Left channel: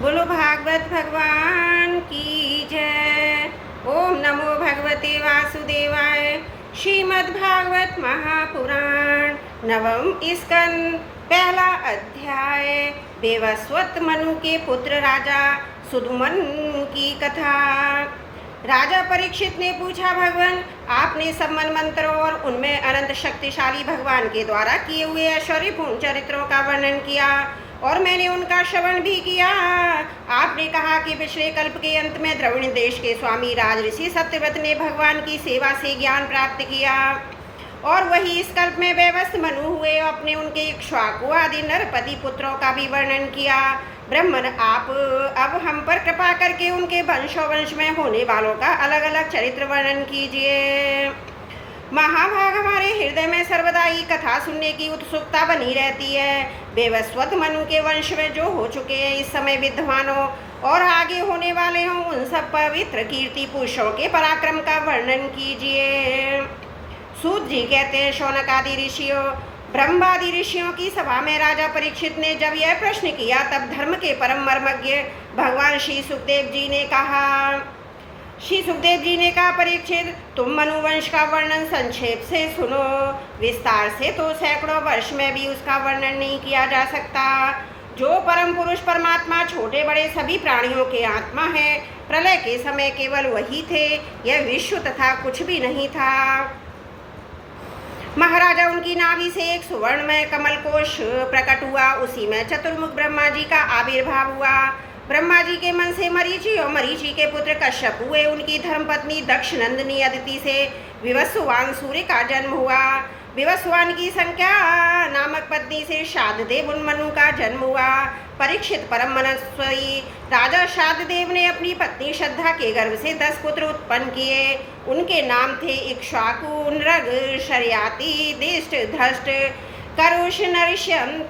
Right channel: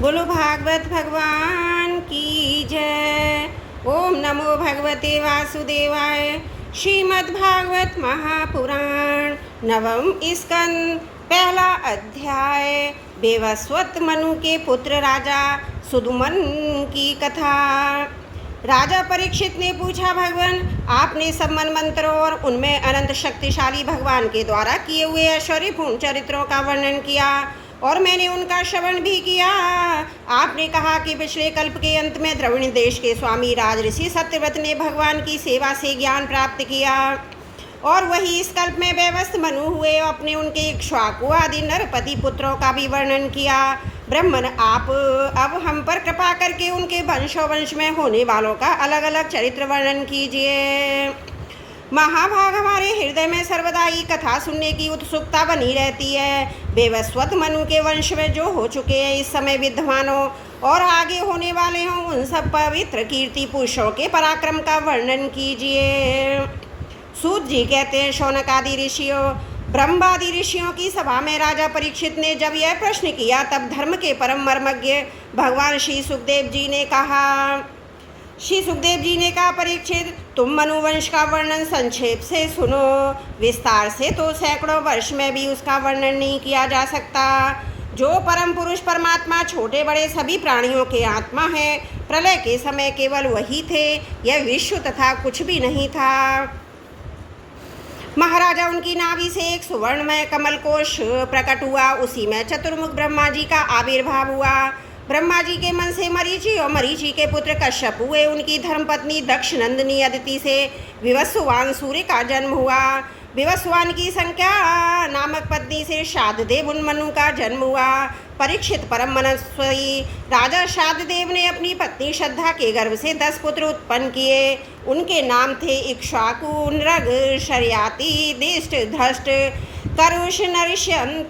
बोलो भागवत भगवान की जय। ओम नमो भगवते वासुदेवाय। श्रीमद् भागवत महापुराण नवम स्कंद पहला अध्याय। बेवस्वत मनु के पुत्र राजा सुदुमन की कथा। राजा परीक्षित ने पूछा, भगवान आपने सब मन मंत्रों और उनमें अनंत शक्तिशाली भगवान के द्वारा किए हुए ऐश्वर्यपूर्ण चरित्रों का वर्णन किया और मैंने उनका श्रवण भी किया। आपने कहा कि पिछले कल्प के अंत में द्रविड़ देश के स्वामी राजऋषि सत्यव्रत ने भगवान की सेवा से ज्ञान प्राप्त किया और वही इस कल्प में व्यवस्थ मनु हुए। अपने उनके इक्ष्वाकु आदि नरपति पुत्रों का भी वर्णन किया। ब्रह्मन आप अब हम पर कृपा करके उनके वंश में होने वालों का अलग अलग चरित्र वर्णन कीजिए। महाभाग हमारे हृदय में सर्वदा ही कथा सुनने की उत्सुकता बनी रहती है। बेवस्वत मनु के वंश में जो हो चुके हैं, इस समय विद्वानों और आगे होने वाले हों, उन सब पवित्र कीर्ति पुरुषों के पराक्रम का वर्णन कीजिए। सूत जी कहते हैं, शौनक आदि ऋषियों ब्रह्मादि ऋषियों की सभा में राजा परीक्षित ने जब यह प्रश्न किया, तब धर्म के परम मर्मज्ञ भगवान श्री सुखदेव जी ने कहा, परीक्षित तुम मनुवंश का वर्णन संक्षेप से सुनो। विस्तार से तो सैकड़ों वर्ष में भी उसका वर्णन नहीं किया जा सकता। जो परम पुरुष परमात्मा छोटे बड़े सभी प्राणियों के आत्मा है, प्रलय के समय केवल वही थे। यह विश्व तथा कुछ भी नहीं था। महाराजा, उनकी नाभि से एक सुवर्णमय कमल कोश प्रकट हुआ। उसी में चतुर्मुख ब्रह्मा जी का आविर्भाव हुआ। ब्रह्मा जी के मन से मरीचि और मरीचि के पुत्र कश्यप हुए। उनकी धर्मपत्नी दक्ष नंदिनी अदिति से विवस्वान सूर्य का जन्म हुआ। विवस्वान की संख्या नामक पत्नी से शाददेव उन्मनु का जन्म हुआ। परीक्षित परम मनस्वी राजा शाददेव ने अपनी पत्नी श्रद्धा के गर्भ से 10 पुत्र उत्पन्न किए। उनके नाम थे इक्ष्वाकु, नृग, शर्याति, दिष्ट, धष्ट, करुष, नरिष्यंत,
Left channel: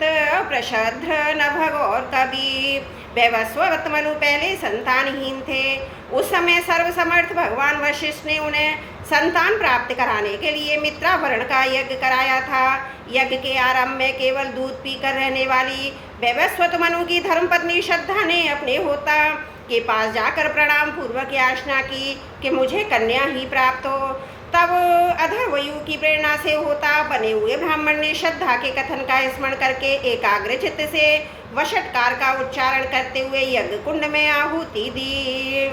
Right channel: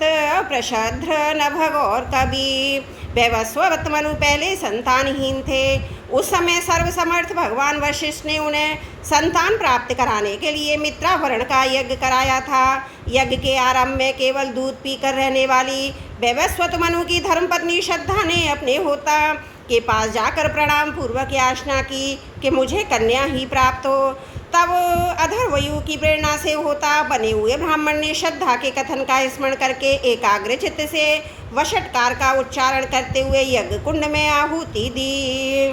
प्रशद्र, नभग और कवि। वैवस्वत मनु पहले संतानहीन थे। उस समय सर्वसमर्थ भगवान वशिष्ठ ने उन्हें संतान प्राप्त कराने के लिए मित्रावरण का यज्ञ कराया था। यज्ञ के आरंभ में केवल दूध पीकर रहने वाली वैवस्वत मनु की धर्मपत्नी श्रद्धा ने अपने होता के पास जाकर प्रणाम पूर्वक याचना की कि मुझे कन्या ही प्राप्त हो। तब अधर्वयु की प्रेरणा से होता बने हुए ब्राह्मण ने श्रद्धा के कथन का स्मरण करके एकाग्र चित्त से वषटकार का उच्चारण करते हुए यज्ञ कुंड में आहुति दी।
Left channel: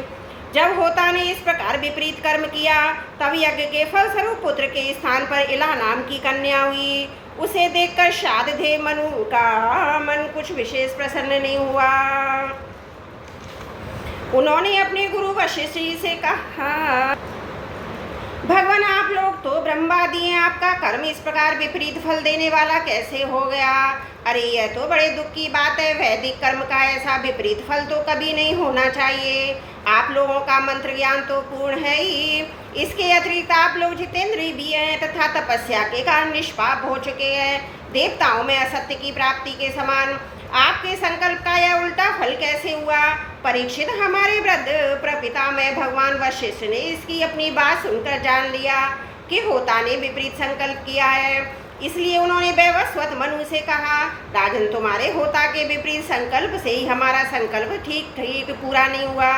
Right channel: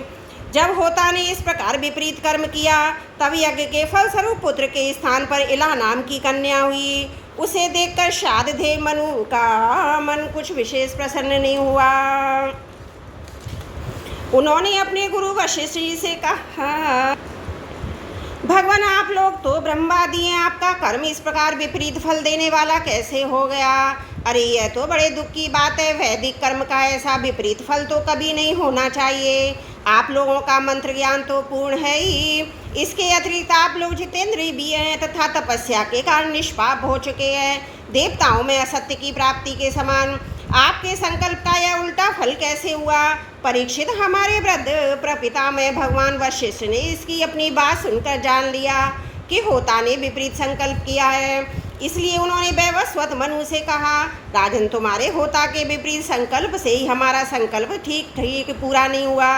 जब होता ने इस प्रकार विपरीत कर्म किया, तब यज्ञ के फलस्वरूप पुत्र के स्थान पर इला नाम की कन्या हुई। उसे देखकर शाददेव मनु का मन कुछ विशेष प्रसन्न नहीं हुआ। उन्होंने अपने गुरु वशिष्ठ जी से कहा, भगवान आप लोग तो ब्रह्मादि हैं, आपका कर्म इस प्रकार विपरीत फल देने वाला कैसे हो गया? अरे यह तो बड़े दुख की बात है। वैदिक कर्म का ऐसा विपरीत फल तो कभी नहीं होना चाहिए। आप लोगों का मंत्र ज्ञान तो पूर्ण है ही। इसके अतिरिक्त आप लोग जितेंद्रिय भी हैं तथा तपस्या के कारण निष्पाप हो चुके हैं। देवताओं में असत्य की प्राप्ति के समान आपके संकल्प का यह उल्टा फल कैसे हुआ? परीक्षित, हमारे वृद्ध प्रपिता में भगवान वशिष्ठ ने इसकी अपनी बात सुनकर जान लिया कि होता ने विपरीत संकल्प किया है। इसलिए उन्होंने वैवस्वत मनु से कहा, राजन तुम्हारे होता के विपरीत संकल्प से ही हमारा संकल्प ठीक ठीक पूरा नहीं हुआ।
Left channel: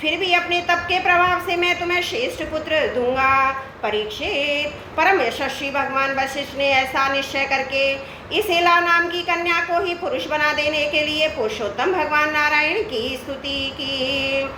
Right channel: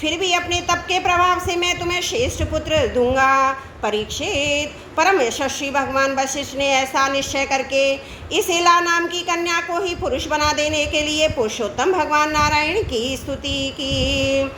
फिर भी अपने तप के प्रभाव से मैं तुम्हें श्रेष्ठ पुत्र दूंगा। परीक्षित, परम यशस्वी भगवान वशिष्ठ ने ऐसा निश्चय करके इस इला नाम की कन्या को ही पुरुष बना देने के लिए पुरुषोत्तम भगवान नारायण की स्तुति की।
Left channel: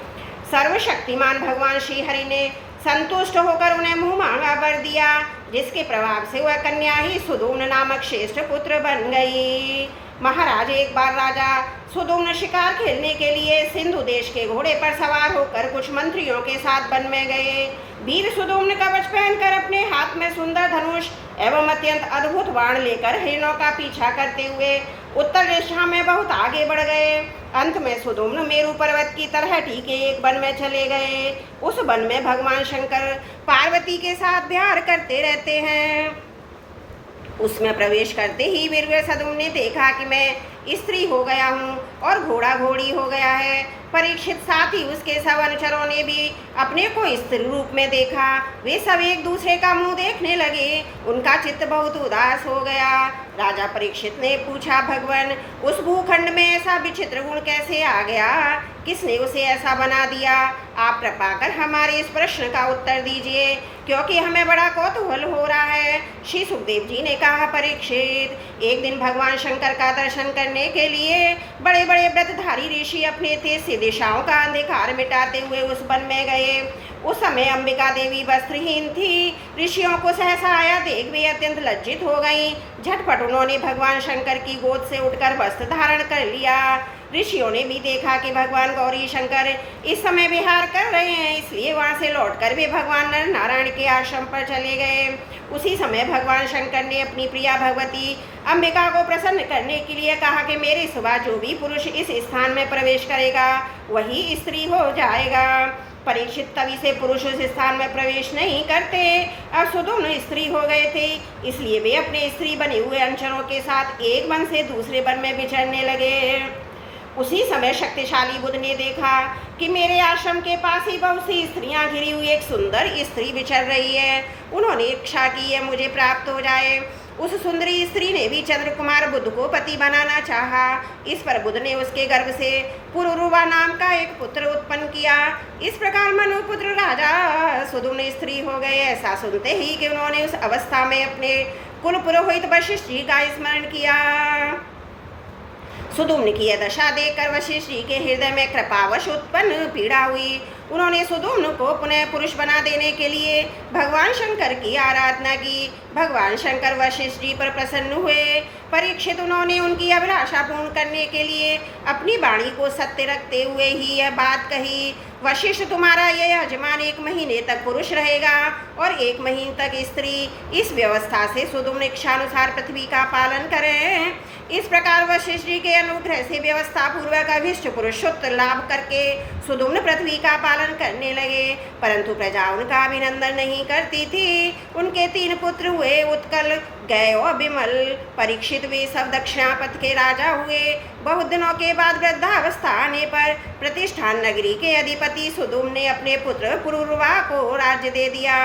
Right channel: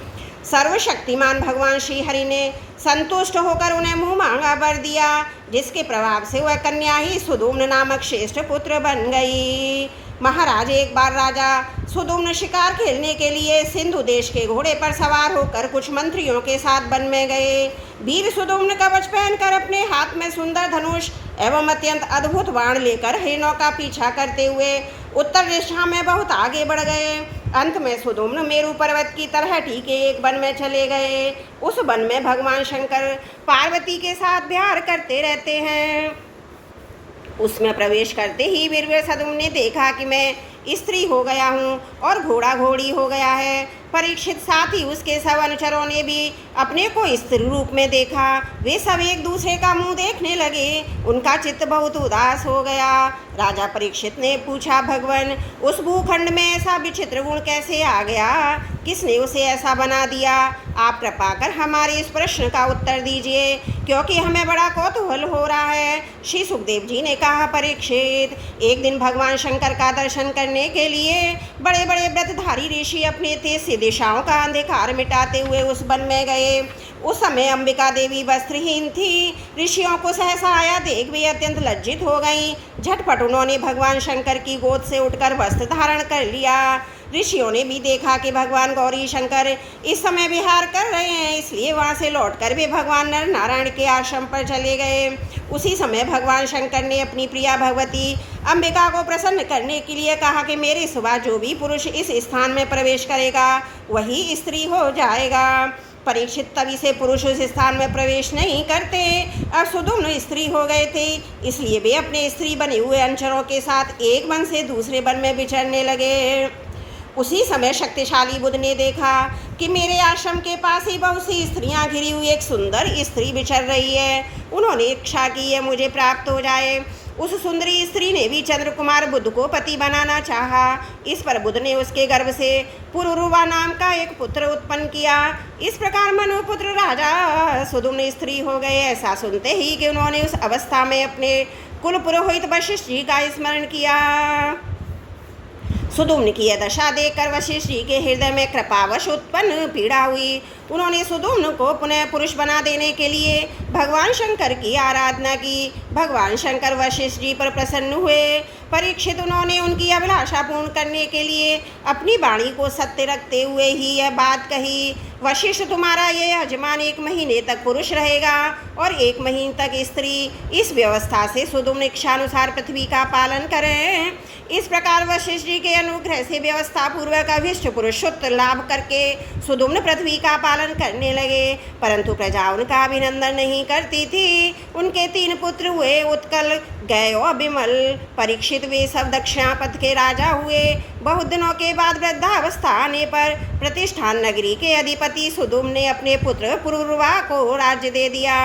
सर्वशक्तिमान भगवान श्री हरि ने संतुष्ट होकर उन्हें मुँह मांगा वर दिया, जिसके प्रभाव से वह कन्या ही सुदुम्न नामक श्रेष्ठ पुत्र बन गई। महाराज, एक बार राजा सुदुम्न शिकार खेलने के लिए सिंधु देश के घोड़े पर सवार होकर कुछ मंत्रियों के साथ वन में गए। वीर सुदुम्न कवच पहनकर अपने हाथ में सुंदर धनुष एवं अत्यंत अद्भुत बाण लेकर हरिणों का पीछा करते हुए उत्तर दिशा में बहुत आगे बढ़ गए। अंत में सुदुम्न मेरु पर्वत की तरह टीके एक वन में चले गए। उस वन में भगवान शंकर पार्वती के साथ विहार करते रहते हैं। उसमें प्रवेश करते ही वीर सुदुम्न ने देखा कि मैं स्त्री हो गया हूँ और घोड़ा घोड़ी हो गया है। परीक्षित साथ ही उसके सब अनुचरों ने भी अपने को स्त्री रूप में देखा। वे सब एक दूसरे का मुंह देखने लगे। उनका चित्त बहुत उदास हो गया। राजा परीक्षित ने पूछा, भगवान, उस भूखंड में ऐसा विचित्र गुण कैसे आ गया? किसने उसे ऐसा बना दिया? आप कृपा कर हमारे इस प्रश्न का उत्तर दीजिए, क्योंकि हमें बड़ा कौतूहल हो रहा है। श्री सुखदेव जी ने कहा, परीक्षित, एक दिन भगवान शंकर का दर्शन करने के लिए बड़े बड़े व्रतधारी ऋषि अपने तेज से दिशाओं का अंधकार मिटाते हुए उस वन में गए। उस समय अंबिका देवी वस्त्रहीन थी। ऋषियों को सहसा आया देख वे अत्यंत लज्जित हो गईं। झटपट उन्होंने भगवान शंकर की गोद से उठकर वस्त्र धारण कर लिया। ऋषियों ने भी देखा कि भगवान गौरी शंकर इस समय विहार कर रहे हैं, इसलिए वहां से लौटकर वे भगवान नर नारायण के आश्रम पर चले गए। उसी समय भगवान शंकर ने अपनी प्रिया भगवती अंबिका को प्रसन्न करने के लिए कहा कि मेरे सिवा जो भी पुरुष इस स्थान में प्रवेश करेगा वही स्त्री हो जाएगा। परीक्षित तभी से पुरुष उस स्थान में प्रवेश नहीं करते। अब सुदुम्न स्त्री हो गए थे, इसलिए वे अपने स्त्री बने हुए अनुचरों के साथ एक वन से दूसरे वन में विचरने लगे। उसी समय शक्तिशाली बुद्ध ने देखा कि मेरे आश्रम के पास ही बहुत सी स्त्रियां घिरी हुई एक सुंदर स्त्री विचर रही है। उन्होंने इच्छा की है मुझे प्राप्त हो जाए। उस सुंदरी स्त्री ने भी चंद्रकुमार बुद्ध को पति बनाना चाहा। इस पर बुद्ध ने उसके गर्भ से पुरुरुवा नाम का एक पुत्र उत्पन्न किया। इस प्रकार मनुपुत्र राजा सुदुम्न स्त्री हो गए। ऐसा सुनते ही कि उन्होंने उस अवस्था में अपने कुल पुरोहित वशिष्ठ जी का स्मरण किया। सुदुम्न की यह दशा देखकर वशिष्ठ जी के हृदय में कृपावश उत्पन्न पीड़ा हुई। उन्होंने सुदुम्न को पुनः पुरुष बना देने के लिए भगवान शंकर की आराधना की। भगवान शंकर वशिष्ठ जी पर प्रसन्न हुए। परीक्षित, उन्होंने उनकी अभिलाषा पूर्ण करने के लिए अपनी वाणी को सत्य रखते हुए ही यह बात कही, वशिष्ठ, तुम्हारा यह यजमान 1 महीने तक पुरुष रहेगा और 1 महीने तक स्त्री। इस व्यवस्था से सुदुम्न इच्छानुसार पृथ्वी का पालन करें। इस प्रकार वशिष्ठ जी के अनुग्रह से व्यवस्था पूर्वक अभिष्ट पुरुषत्व लाभ करके सुदुम्न पृथ्वी का पालन करने लगे, परंतु प्रजा उनका अभिनंदन नहीं करती थी। उनके 3 पुत्र हुए, उत्कल, गय और विमल। परीक्षित वे सब दक्षिणापथ के राजा हुए। बहुत दिनों के बाद वृद्धावस्था आने पर प्रतिष्ठान नगरी के अधिपति सुदुम्न ने अपने पुत्र पुरुरवा को राज्य दे दिया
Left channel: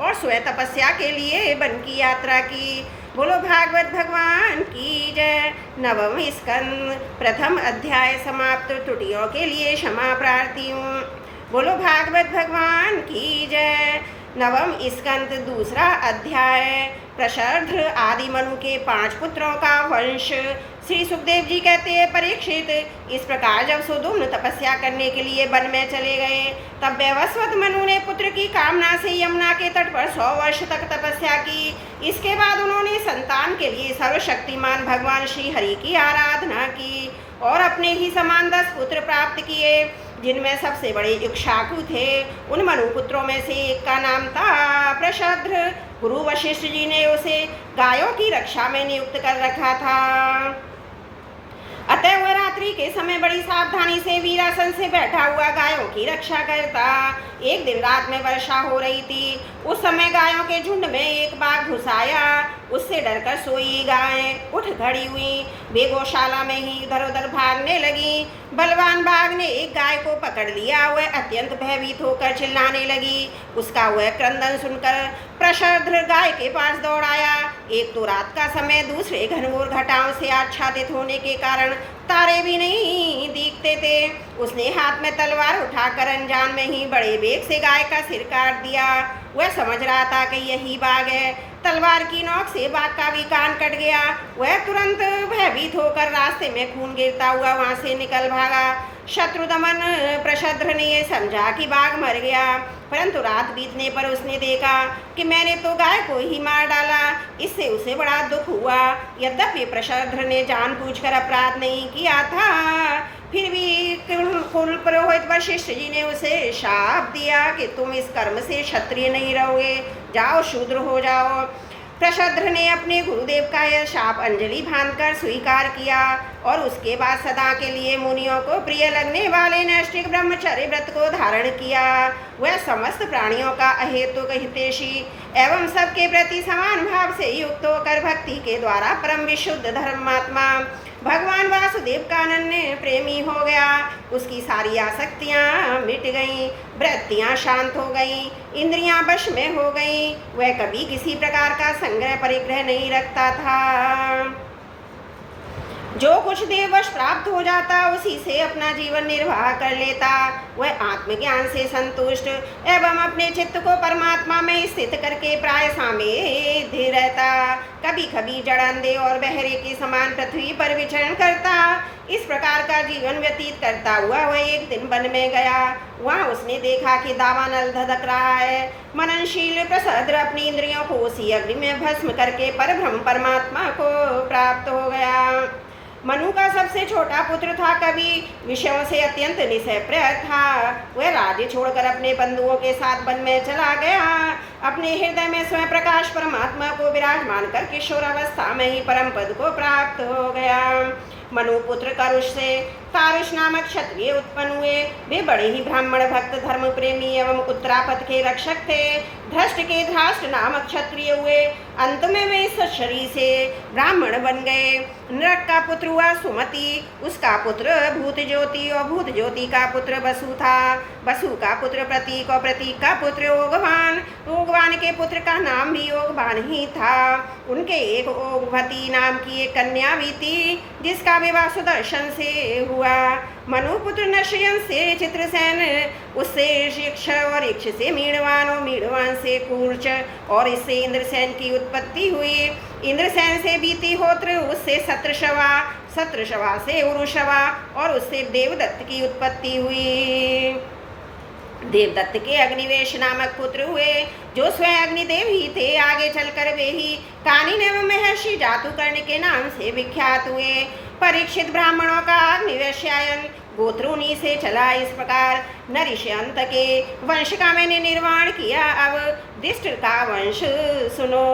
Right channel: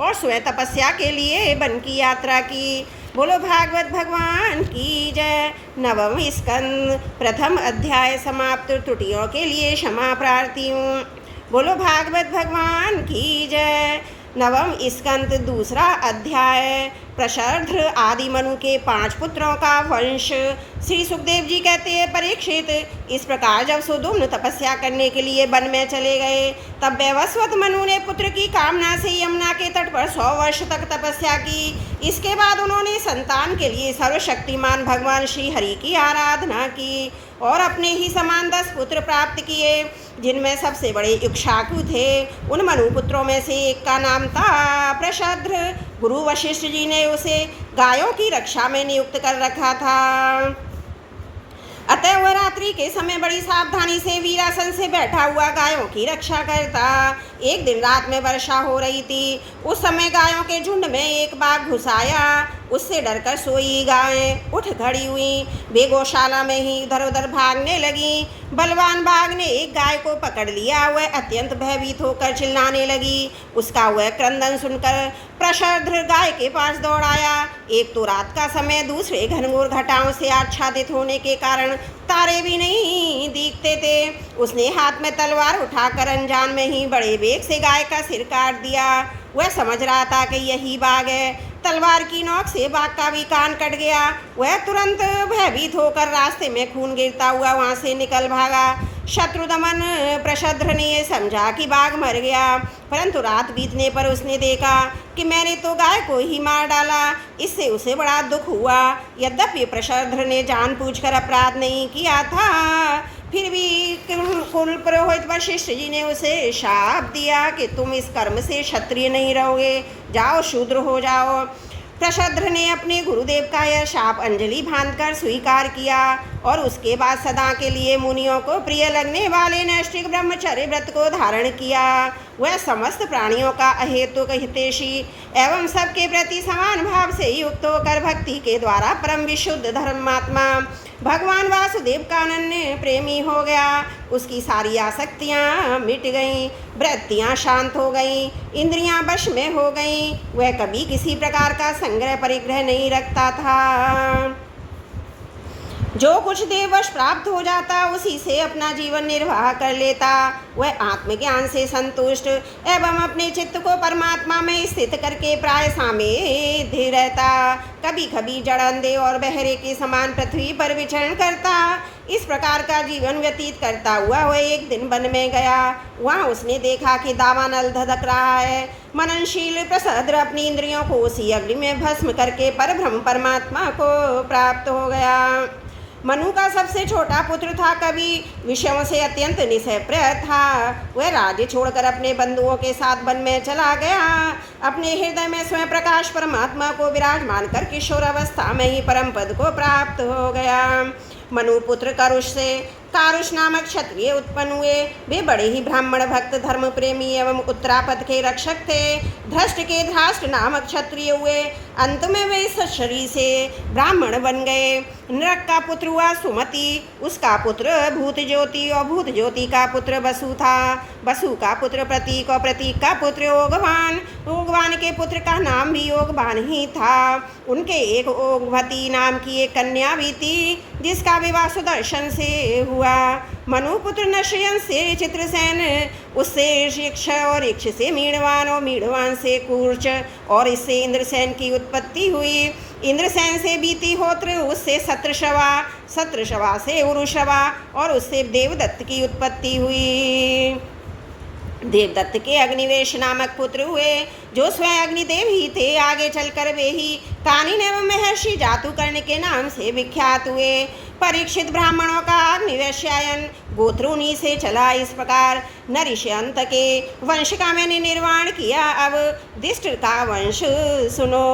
और स्वयं तपस्या के लिए वन की यात्रा की। बोलो भागवत भगवान की जय। 9वां स्कंद प्रथम अध्याय समाप्त। त्रुटियों के लिए क्षमा प्रार्थी हूँ। बोलो भागवत भगवान की जय। 9वां स्कंद दूसरा अध्याय। प्रशर्द्र आदि मनु के 5 पुत्रों का वंश। श्री सुखदेव जी कहते हैं, परीक्षित, इस प्रकार जब सुदुम्न तपस्या करने के लिए वन में चले गए, तब वैवस्वत मनु ने पुत्र की कामना से यमुना के तट पर 100 वर्ष तक तपस्या की। इसके बाद उन्होंने संतान के लिए सर्वशक्तिमान भगवान श्री हरि की आराधना की और अपने ही समान 10 पुत्र प्राप्त किए, जिनमें सबसे बड़े इक्ष्वाकु थे। उन मनुपुत्रों में से एक का नाम था प्रशद्र। गुरु वशिष्ठ जी ने उसे गायों की रक्षा में नियुक्त कर रखा था। अतः वह रात्रि के समय बड़ी सावधानी से वीरासन से बैठा हुआ गायों की रक्षा करता। एक दिन रात में वर्षा हो रही थी। उस समय गायों के झुंड में एक बाघ घुस आया। उससे डरकर सोई गायें उठ खड़ी हुई। वे गौशाला में ही इधर उधर भागने लगी। बलवान बाघ ने एक गाय को पकड़ लिया। वह अत्यंत भयभीत होकर चिल्लाने लगी। उसका वह क्रंदन सुनकर प्रशर्द्र गाय के पास दौड़ आया। एक तो रात का समय, दूसरे घनघोर घटाओं से आच्छादित होने के कारण तारे भी नहीं दिखते थे। उसने हाथ में तलवार उठाकर अनजान में ही बड़े वेग से गाय का सिर काट दिया। वह समझ रहा था कि यही बाघ है। तलवार की नोक से बाघ का भी कान कट गया। वह तुरंत भयभीत होकर रास्ते में खून गिरता हुआ वहां से निकल भागा। शत्रुदमन प्रशद्र ने यह समझा कि बाघ मर गया, परंतु रात बीतने पर उसने देखा कि मैंने तो गाय को ही मार डाला। इससे उसे बड़ा दुख हुआ। यद्यपि प्रशद्र ने जानबूझकर अपराध नहीं किया था, फिर भी कुल पुरोहित वशिष्ठ जी ने उसे शाप दिया कि तुम इस कर्म से क्षत्रिय नहीं रहोगे, जाओ शूद्र हो जाओ। प्रशद्र ने अपने गुरुदेव का यह शाप अंजलि बांधकर स्वीकार किया। और उसके बाद सदा के लिए मुनियों को प्रिय लगने वाले नैष्ठिक ब्रह्मचर्य व्रत को धारण किया। वह समस्त प्राणियों का अहेतुक हितैषी एवं सबके प्रति समान भाव से युक्त होकर भक्ति के द्वारा परम विशुद्ध धर्मात्मा भगवान वासुदेव का अनन्य प्रेमी हो गया। उसकी सारी आसक्तियाँ मिट गईं, वृत्तियाँ शांत हो गईं, इंद्रियाँ वश में हो गईं। वह कभी किसी प्रकार का संग्रह परिग्रह नहीं रखता था। जो कुछ देववश प्राप्त हो जाता उसी से अपना जीवन निर्वाह कर लेता। वह आत्मज्ञान से संतुष्ट एवं अपने चित्त को परमात्मा में स्थित करके प्राय सामेध्य रहता। कभी कभी जड़ अंधे और बहरे के समान पृथ्वी पर विचरण करता। इस प्रकार का जीवन व्यतीत करता हुआ वह एक दिन वन में गया। वहाँ उसने देखा कि दावानल धधक रहा है। मननशील प्रसद्र अपनी इंद्रियों को उसी अग्नि में भस्म करके परब्रह्म परमात्मा को प्राप्त हो गया। मनु का सबसे छोटा पुत्र था, कवि विषयों से अत्यंत निःप्रिय था। वह राज्य छोड़कर अपने बंधुओं के साथ वन में चला गया। अपने हृदय में स्वयं प्रकाश परमात्मा को विराजमान कर किशोरावस्था में ही परम पद को प्राप्त हो गया। मनुपुत्र करुष से कारुष नामक क्षत्रिय उत्पन्न हुए। वे बड़े ही ब्राह्मण भक्त धर्म प्रेमी एवं उत्तरापद के रक्षक थे। धृष्ट के धराष्ट्र नामक क्षत्रिय हुए। अंत में वे सशरी से ब्राह्मण बन गए। नरक का पुत्र हुआ सुमति, उसका पुत्र भूत ज्योति और भूत ज्योति का पुत्र वसु था। वसु का पुत्र प्रतीक और प्रतीक का पुत्र ओघवान, ओघवान के पुत्र का नाम भी ओघवान ही था। उनके एक ओघवती नाम की एक कन्या भी थी जिसका विवाह सुदर्शन से हुआ। मनुपुत्र नशयन से चित्रसेन, उससे यक्ष और यक्ष से मीणवान और मीणवान से कूर्च और इससे इंद्रसेन की उत्पत्ति हुई। इंद्रसेन से बीतिहोत्र, उससे सत्रशवा, सत्रशवा से उरुशवा और उससे देवदत्त की उत्पत्ति हुई। देवदत्त के अग्निवेश नामक पुत्र हुए जो स्वयं अग्निदेव ही थे। आगे चलकर वे ही कानिन एवं महर्षि जातुकर्ण के नाम से विख्यात हुए। परीक्षित ब्राह्मणों का अग्निवेश्यायन गोत्र उन्हीं से चला। इस प्रकार नरिष्यंत के वंश का मैंने निर्माण किया। अब दिष्ट का वंश सुनो।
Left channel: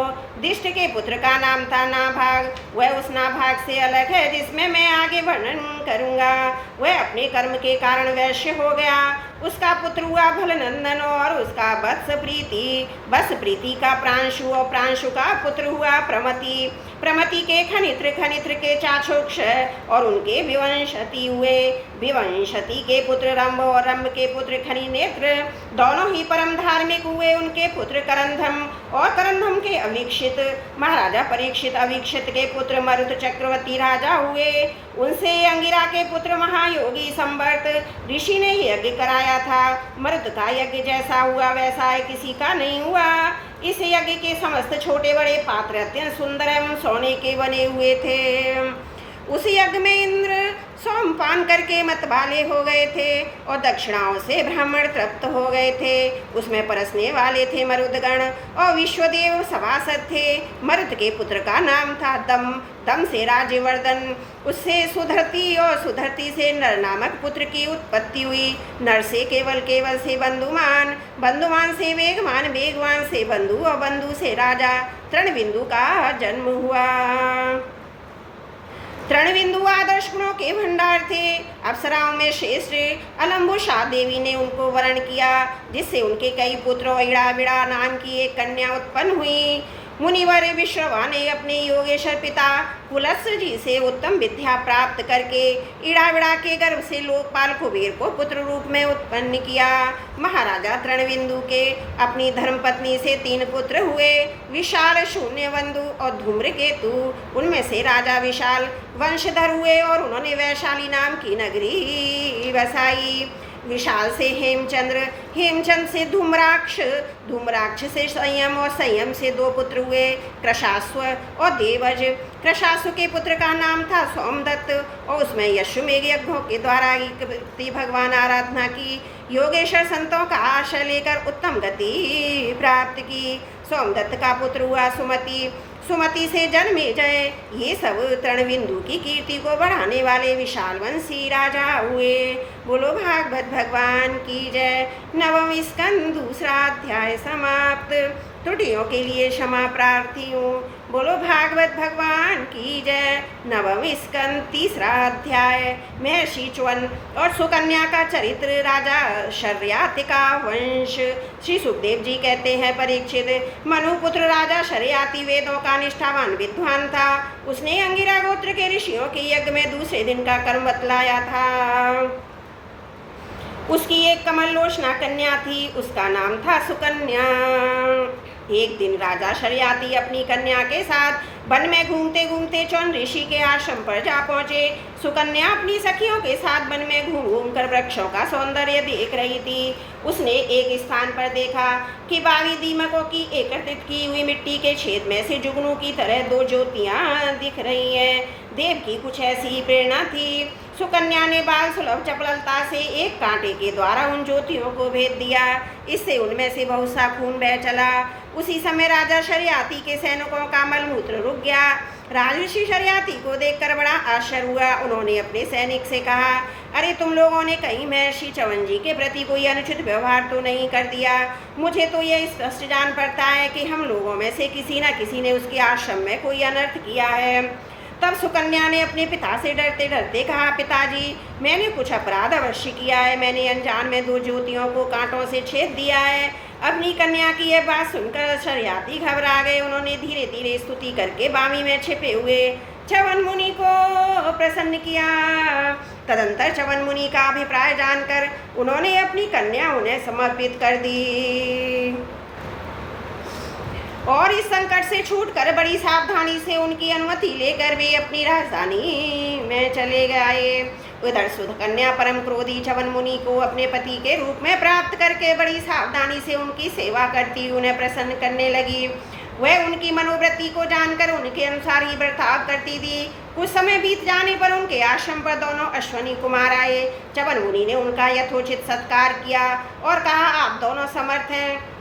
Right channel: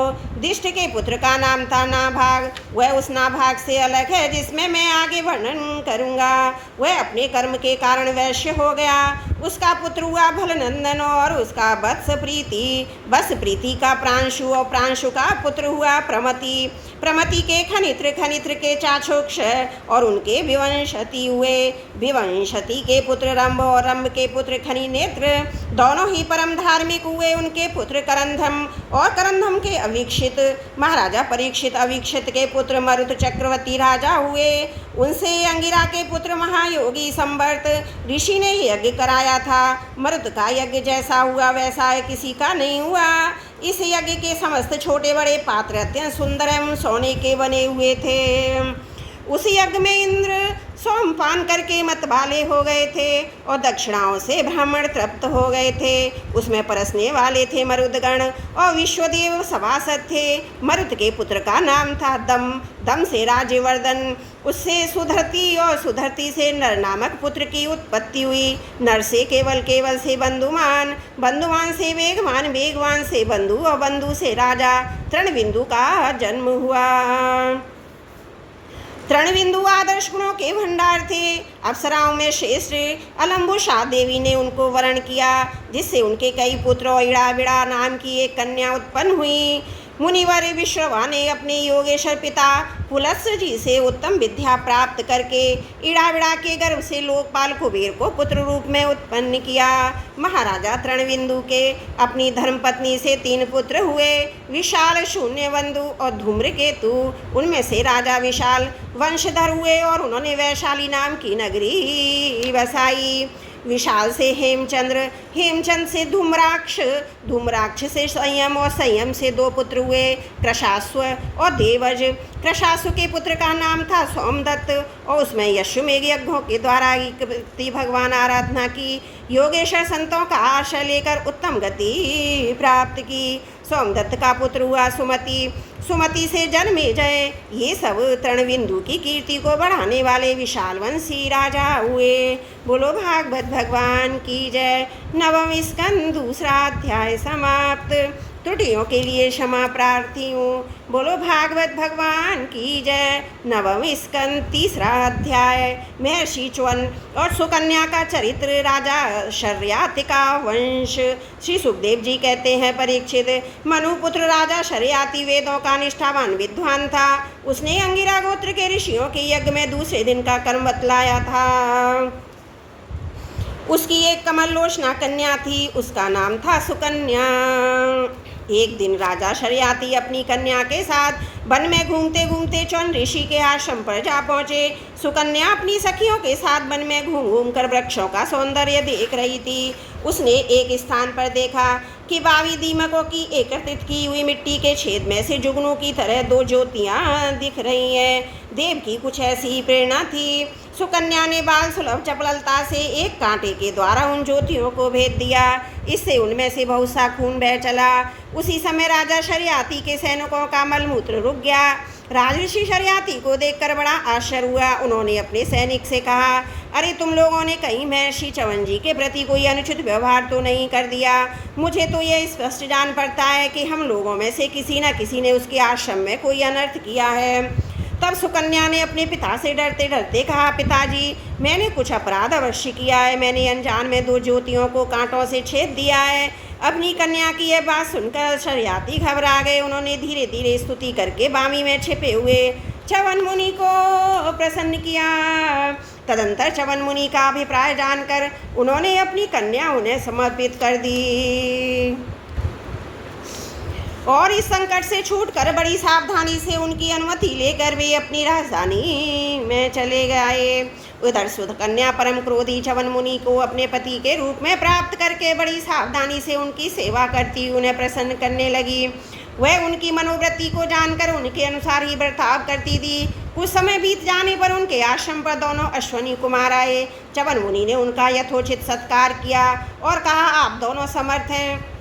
दिष्ट के पुत्र का नाम था नाभाग। वह उस नाभाग से अलग है जिसमें मैं आगे वर्णन करूंगा। वह अपने कर्म के कारण वैश्य हो गया। उसका पुत्र हुआ भलनंदन और उसका वत्स प्रीति। बस प्रीति का प्रांशु और प्रांशु का पुत्र हुआ प्रमति। प्रमति के खनित्र, खनित्र के चाक्षुष और उनके विवंशति हुए। विवंशति के पुत्र रंभ और रंभ के पुत्र खनि नेत्र, दोनों ही परम धार्मिक हुए। उनके पुत्र करंधम और करंधम के अवीक्षित। महाराजा परीक्षित अवीक्षित के पुत्र मरुत चक्रवर्ती राजा हुए। उनसे अंगिरा के पुत्र महायोगी संवर्त ऋषि ने यज्ञ कराया था। मरुत का यज्ञ जैसा हुआ वैसा किसी का नहीं हुआ। इस यज्ञ के समस्त छोटे बड़े पात्र अत्यंत सुंदर एवं सोने के बने हुए थे। उस यज्ञ में इंद्र सोमपान करके मतवाले हो गए थे और दक्षिणाओं से ब्राह्मण तृप्त हो गए थे। उसमें परसने वाले थे मरुदगण और विश्वदेव सभासद थे। मरुद के पुत्र का नाम था दम, दम से राज्यवर्धन, उससे सुधरती और सुधरती से नर नामक पुत्र की उत्पत्ति हुई। नर से केवल, केवल से बंधुमान, बंधुमान से वेगवान, वेगवान से बंधु और बंधु से राजा तृणबिंदु का जन्म हुआ। तृणबिंदु आदर्श गुणों के भंडार थे। अप्सराओं में श्रेष्ठ अलम्बुषा देवी ने उनको वरण किया, जिससे उनके कई पुत्र और इड़ाबिड़ा नाम की एक कन्या उत्पन्न हुई। मुनिवर विश्रवा ने अपने योगेश्वर पिता पुलस्त्य जी से उत्तम विद्या प्राप्त करके इड़ाबिड़ा के गर्भ से लोकपाल कुबेर को पुत्र रूप में उत्पन्न किया। महाराजा तृणबिंदु के अपनी धर्मपत्नी से 3 पुत्र हुए, विशाल, शून्यबंधु और धूम्रकेतु। उनमें से राजा विशाल वंशधर हुए और उन्होंने वैशाली नाम की नगरी बसाई। विशाल से हेमचंद्र, हेमचंद से धूम्राक्ष, धूम्राक्ष से संयम और संयम से 2 पुत्र हुए, कृशास्व और देवज। कृशास्व के पुत्र का नाम था सोमदत्त और उसमें यशमेघ यज्ञों के द्वारा ही भगवान आराधना की, योगेश्वर संतों का आश्रय लेकर उत्तम गति प्राप्त की। सोमदत्त का पुत्र हुआ सुमति, सुमति से जन्मेजय। ये सब तृणबिंदु की कीर्ति को बढ़ाने वाले विशाल वंशी राजा हुए। बोलो भागवत भगवान की जय। नवम स्कंद दूसरा अध्याय समाप्त। त्रुटियों के लिए क्षमा प्रार्थी हूँ। बोलो भागवत भगवान की जय। नवम स्कंद तीसरा अध्याय। महर्षि च्वन और सुकन्या का चरित्र। राजा शर्याति का वंश। श्री सुखदेव जी कहते हैं, परीक्षित, मनुपुत्र राजा शर्याति वेदों का निष्ठावान विद्वान था। उसने अंगिरा गोत्र के ऋषियों के यज्ञ में दूसरे दिन का कर्म बतलाया था। उसकी एक कमल लोचना कन्या थी, उसका नाम था सुकन्या। एक दिन राजा शर्याति अपनी कन्या के साथ वन में घूमते घूमते च्वन ऋषि के आश्रम पर जा पहुंचे। सुकन्या अपनी सखियों के साथ वन में घूम घूम कर वृक्षों का सौंदर्य देख रही थी। उसने एक स्थान पर देखा कि 22 दीमकों की एकत्रित की हुई मिट्टी के छेद में से जुगनू की तरह 2 ज्योतियां दिख रही हैं। देव की कुछ ऐसी ही प्रेरणा थी। सुकन्या ने बाल सुलभ चपलता से एक कांटे के द्वारा उन ज्योतियों को भेद दिया। इससे उनमें से बहुत सा खून बह चला। उसी समय राजा शर्याति के सैनिकों का मलमूत्र रुक गया। राजऋषि शर्याति को देखकर बड़ा आश्चर्य हुआ। उन्होंने अपने सैनिक से कहा, अरे तुम लोगों ने कहीं महर्षि च्वन जी के प्रति कोई अनुचित व्यवहार तो नहीं कर दिया? मुझे तो यह स्पष्ट जान पड़ता है कि हम लोगों में से किसी न किसी ने उसके आश्रम में कोई अनर्थ किया है। तब सुकन्या ने अपने पिता से डरते डरते कहा, पिताजी, मैंने कुछ अपराध अवश्य किया है। मैंने अनजान में 2 ज्योतियों को कांटों से छेद दिया है। अपनी कन्या की यह बात सुनकर शर्याति घबरा गए। उन्होंने धीरे धीरे स्तुति करके बामी में छिपे हुए च्वन मुनि को प्रसन्न किया। तदंतर च्वन मुनि का अभिप्राय जानकर उन्होंने अपनी कन्या उन्हें समर्पित कर दी और इस संकट से छूटकर बड़ी सावधानी से उनकी अनुमति लेकर वे अपनी राजधानी में चले गए। उधर सुकन्या परम क्रोधी च्वन मुनि को अपने पति के रूप में प्राप्त करके बड़ी सावधानी से उनकी सेवा करती उन्हें प्रसन्न करने लगी। वह उनकी मनोवृत्ति को जानकर उनके अनुसार ही बर्ताव करती थी। कुछ समय बीत जाने पर उनके आश्रम पर दोनों अश्वनी कुमार आए। च्वन मुनि ने उनका यथोचित सत्कार किया और कहा, आप दोनों समर्थ हैं,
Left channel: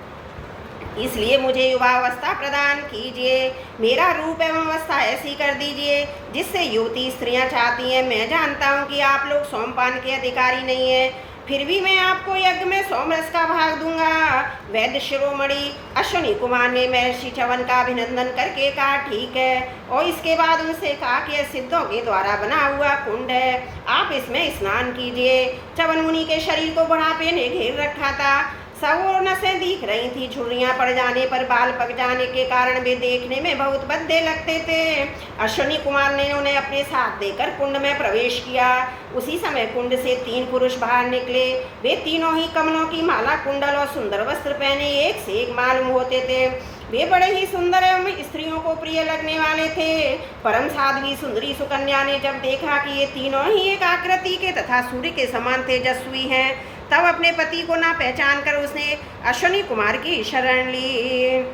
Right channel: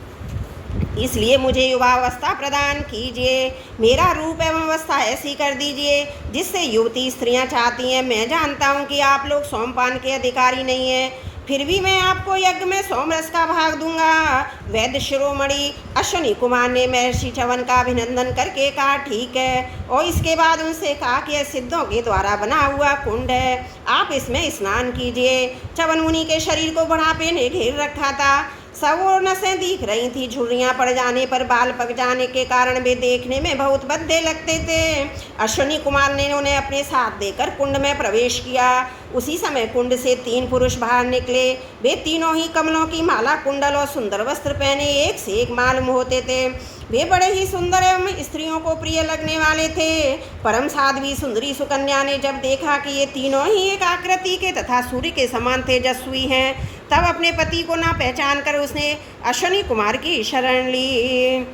इसलिए मुझे युवावस्था प्रदान कीजिए। मेरा रूप एवं अवस्था ऐसी कर दीजिए जिससे युवती स्त्रियां चाहती हैं। मैं जानता हूं कि आप लोग सोमपान के अधिकारी नहीं हैं, फिर भी मैं आपको यज्ञ में सोमरस का भाग दूंगा। वैद्य शिरोमणि अश्वनी कुमार ने महर्षि च्वन का अभिनंदन करके कहा, ठीक है, और इसके बाद उनसे कहा कि यह सिद्धों के द्वारा बना हुआ कुंड है, आप इसमें स्नान कीजिए। च्वन मुनि के शरीर को बुढ़ापे ने घेर रखा था। सब और नसें दिख रही थी। झुर्रियां पड़ जाने पर बाल पक जाने के कारण वे देखने में बहुत भद्दे लगते थे। अश्वनी कुमार ने उन्हें अपने साथ देकर कुंड में प्रवेश किया। उसी समय कुंड से 3 पुरुष बाहर निकले। वे तीनों ही कमलों की माला, कुंडल और सुंदर वस्त्र पहने एक से एक मालूम होते थे। वे बड़े ही सुंदर एवं स्त्रियों को प्रिय लगने वाले थे। परम साध्वी सुंदरी सुकन्या ने जब देखा कि ये तीनों ही एक आकृति के तथा सूर्य के समान तेजस्वी हैं, तब अपने पति को ना पहचान कर उसने अश्वनी कुमार की शरण ली।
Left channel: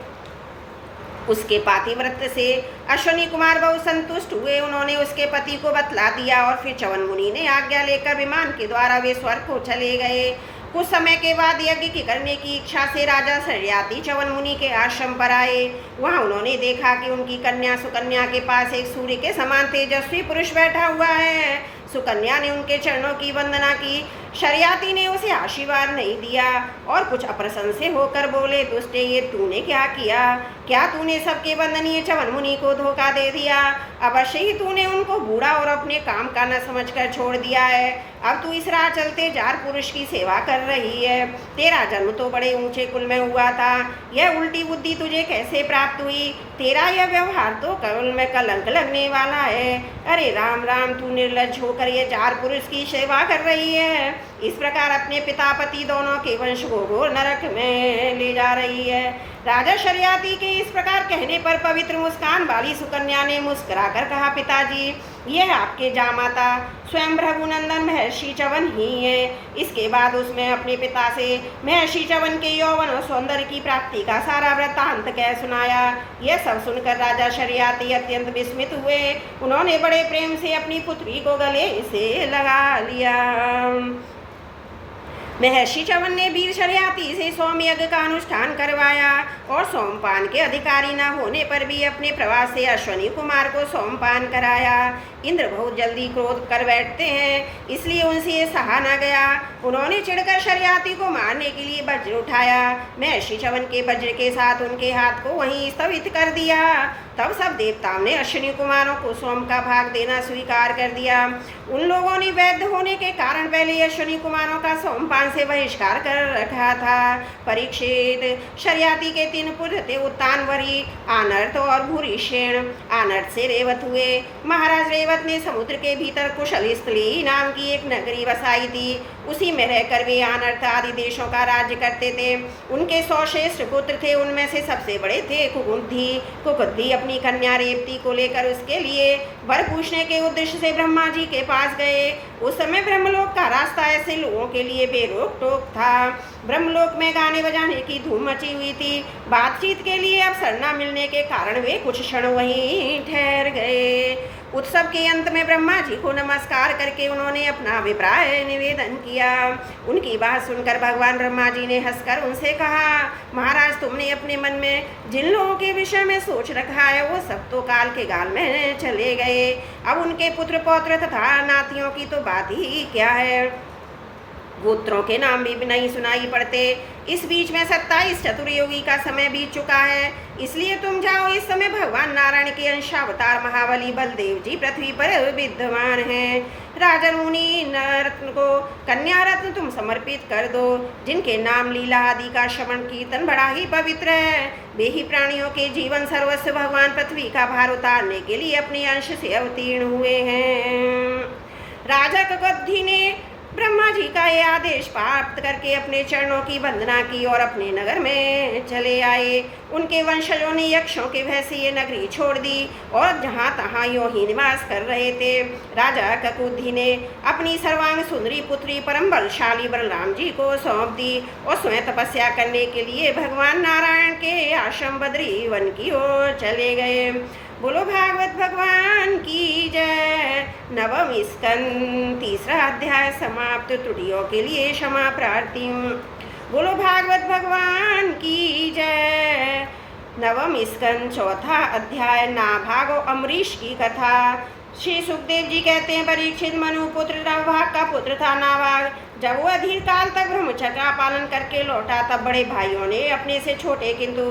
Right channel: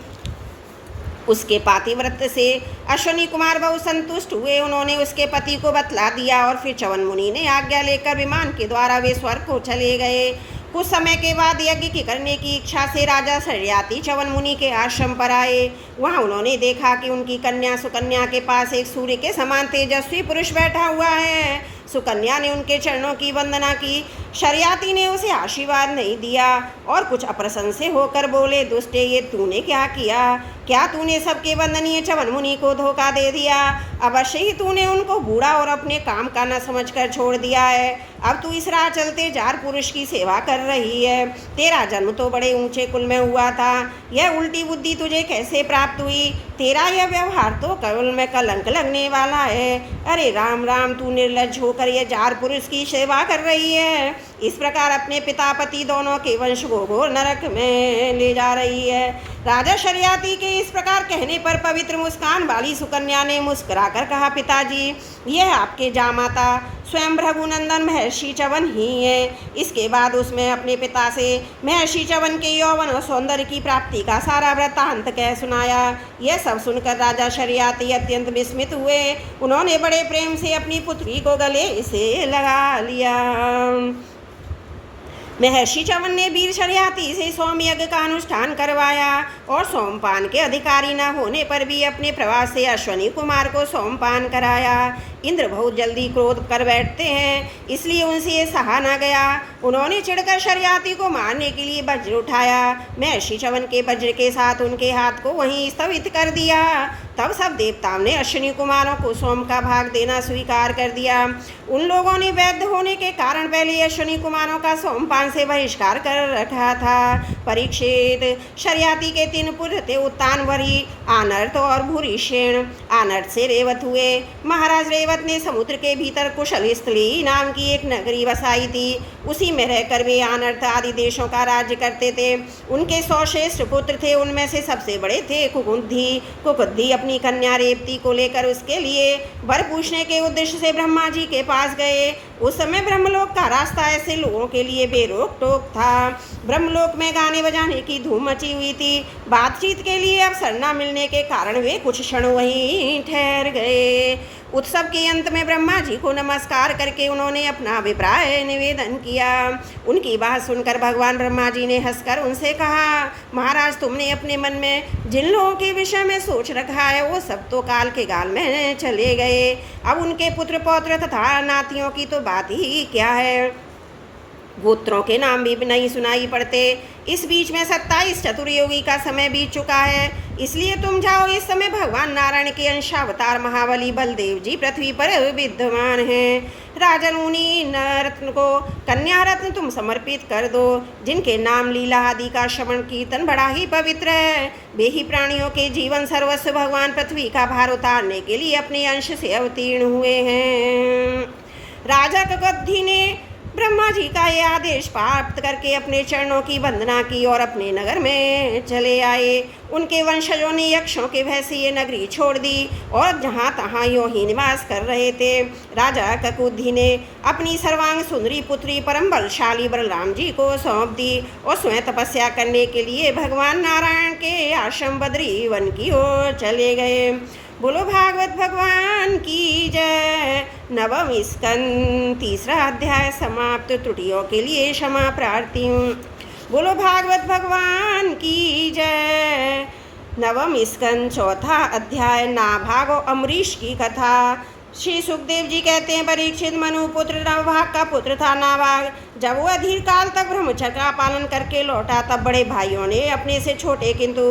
उसके पातिव्रत्य से अश्वनी कुमार बहुत संतुष्ट हुए। उन्होंने उसके पति को बतला दिया और फिर च्वन मुनि ने आज्ञा लेकर विमान के द्वारा वे स्वर्ग को चले गए। कुछ समय के बाद यज्ञ की करने की इच्छा से राजा शर्याति च्वन मुनि के आश्रम पर आए। वहां उन्होंने देखा कि उनकी कन्या सुकन्या के पास एक सूर्य के समान तेजस्वी पुरुष बैठा हुआ है। सुकन्या ने उनके चरणों की वंदना की। शर्याति ने उसे आशीर्वाद नहीं दिया और कुछ अप्रसन्न से होकर बोले, दुष्टे, ये तूने क्या किया? क्या तूने सबके वंदनीय च्वन मुनि को धोखा दे दिया? अवश्य ही तूने उनको बूढ़ा और अपने काम का न समझकर छोड़ दिया है। अब तू इस राह चलते जार पुरुष की सेवा कर रही है। तेरा जन्म तो बड़े ऊंचे कुल में हुआ था। यह उल्टी बुद्धि तुझे कैसे प्राप्त हुई? तेरा यह व्यवहार तो कल में कलंक लगने वाला है। अरे राम राम, तू निर्लज्ज होकर यह जार पुरुष की सेवा कर रही है। इस प्रकार अपने पिता पति दोनों के वंश को घोर नरक में ले जा रही है। राजा शर्याति के इस प्रकार कहने पर पवित्र मुस्कान वाली सुकन्या ने मुस्कुराकर कहा, पिताजी, यह आपके जामाता स्वयं भृगुनंदन महर्षि च्वन ही है। इसके बाद उसमें अपने पिता से महर्षि च्वन के यौवन और सौंदर्य की प्राप्ति का सारा वृत्तांत कह सुनाया। यह सब सुनकर राजा शर्याति अत्यंत विस्मित हुए। उन्होंने बड़े प्रेम से अपनी पुत्री को गले से लगा लिया। महर्षि च्वन ने वीर शर्याति से सोम यज्ञ का अनुष्ठान करवाया और सोमपान के अधिकारी न होने पर भी अपने प्रवास से अश्वनी कुमार को सोमपान कराया। इंद्र बहुत जल्दी क्रोध कर बैठते हैं, इसलिए उनसे ये सहा न गया। उन्होंने चिढ़कर शर्याती को मारने के लिए वज्र उठाया। महर्षि च्यवन के वज्र के साथ उनके हाथ को वहीं स्थगित कर दिया। तब सब देवताओं ने अश्विनी कुमारों को सोम का भाग देना स्वीकार कर दिया। उन लोगों ने वैद्य होने के कारण पहले अश्विनी कुमारों का सोमपान से बहिष्कार कर रखा था। परीक्षित, शर्याती के 3 पुत्र थे, उत्तानवरी, आनर्त और भूरिश्रेण। आनर्त से रेवत हुए। महाराज रेवत ने समुद्र के भीतर कुशल स्थली नाम की एक नगरी बसाई थी। उसी में रहकर वे आनर्त आदि देशों का राज्य करते थे। उनके 100 श्रेष्ठ पुत्र थे। उनमें से सबसे बड़े थे कुकुद्धि। कुकुद्धि अपनी कन्या रेवती को लेकर उसके लिए वर पूछने के उद्देश्य से ब्रह्मा जी के पास गए। उस समय ब्रह्मलोक का रास्ता ऐसे लोगों के लिए बेरोक टोक था। ब्रह्मलोक में गाने बजाने की धूम मची हुई थी। बातचीत के लिए अवसर न मिलने के कारण वे कुछ क्षण वहीं ठहर गए। उत्सव के अंत में ब्रह्मा जी को नमस्कार करके उन्होंने अपना अभिप्राय निवेदन किया। उनकी बात सुनकर भगवान ब्रह्मा जी ने हंसकर उनसे कहा, महाराज, तुमने अपने मन में जिन लोगों के विषय में सोच रखा है वो सब तो काल के गाल में चले गए। अब उनके पुत्र पौत्र तथा नातियों की तो बात ही क्या है, गोत्रों के नाम भी नहीं सुनाई पड़ते। इस बीच में 27 चतुर्युगी का समय बीत चुका है। इसलिए तुम जाओ। इस समय भगवान नारायण के अंशावतार महाबली बलदेव जी पृथ्वी पर विद्यमान हैं। राजन उन्हीं रत्न को कन्या रत्न तुम समर्पित कर दो, जिनके नाम लीला आदि का श्रवण कीर्तन बड़ा ही पवित्र है। वे ही प्राणियों के जीवन सर्वस्व भगवान पृथ्वी का भार उतारने के लिए अपने अंश से अवतीर्ण हुए हैं। राजा कुकुद्धि ने ब्रह्मा जी का ये आदेश प्राप्त करके अपने चरणों की वंदना की और अपने नगर में चले आए। उनके वंशजों ने यक्षों के भय से ये नगरी छोड़ दी और जहाँ तहाँ यों ही निवास कर रहे थे। राजा कुकुद्धि ने अपनी सर्वांग सुंदरी पुत्री परम बलशाली बलराम जी को सौंप दी और स्वयं तपस्या करने के लिए भगवान नारायण के आश्रम बद्री वन की ओर चले गए। बोलो भागवत भगवान की जय। नवम स्कंद 3रा अध्याय समाप्त। त्रुटियों के लिए क्षमा प्रार्थी हूँ। बोलो भागवत भगवान की जय। नवम स्कंद 4था अध्याय। नाभाग और अमरीश की कथा। श्री सुखदेव जी कहते हैं, परीक्षित मनु पुत्र नाभाग का पुत्र था नाभाग। जब वो अधिक काल तक ब्रह्मचर्य का पालन करके लौटा तब बड़े भाइयों ने अपने से छोटे किंतु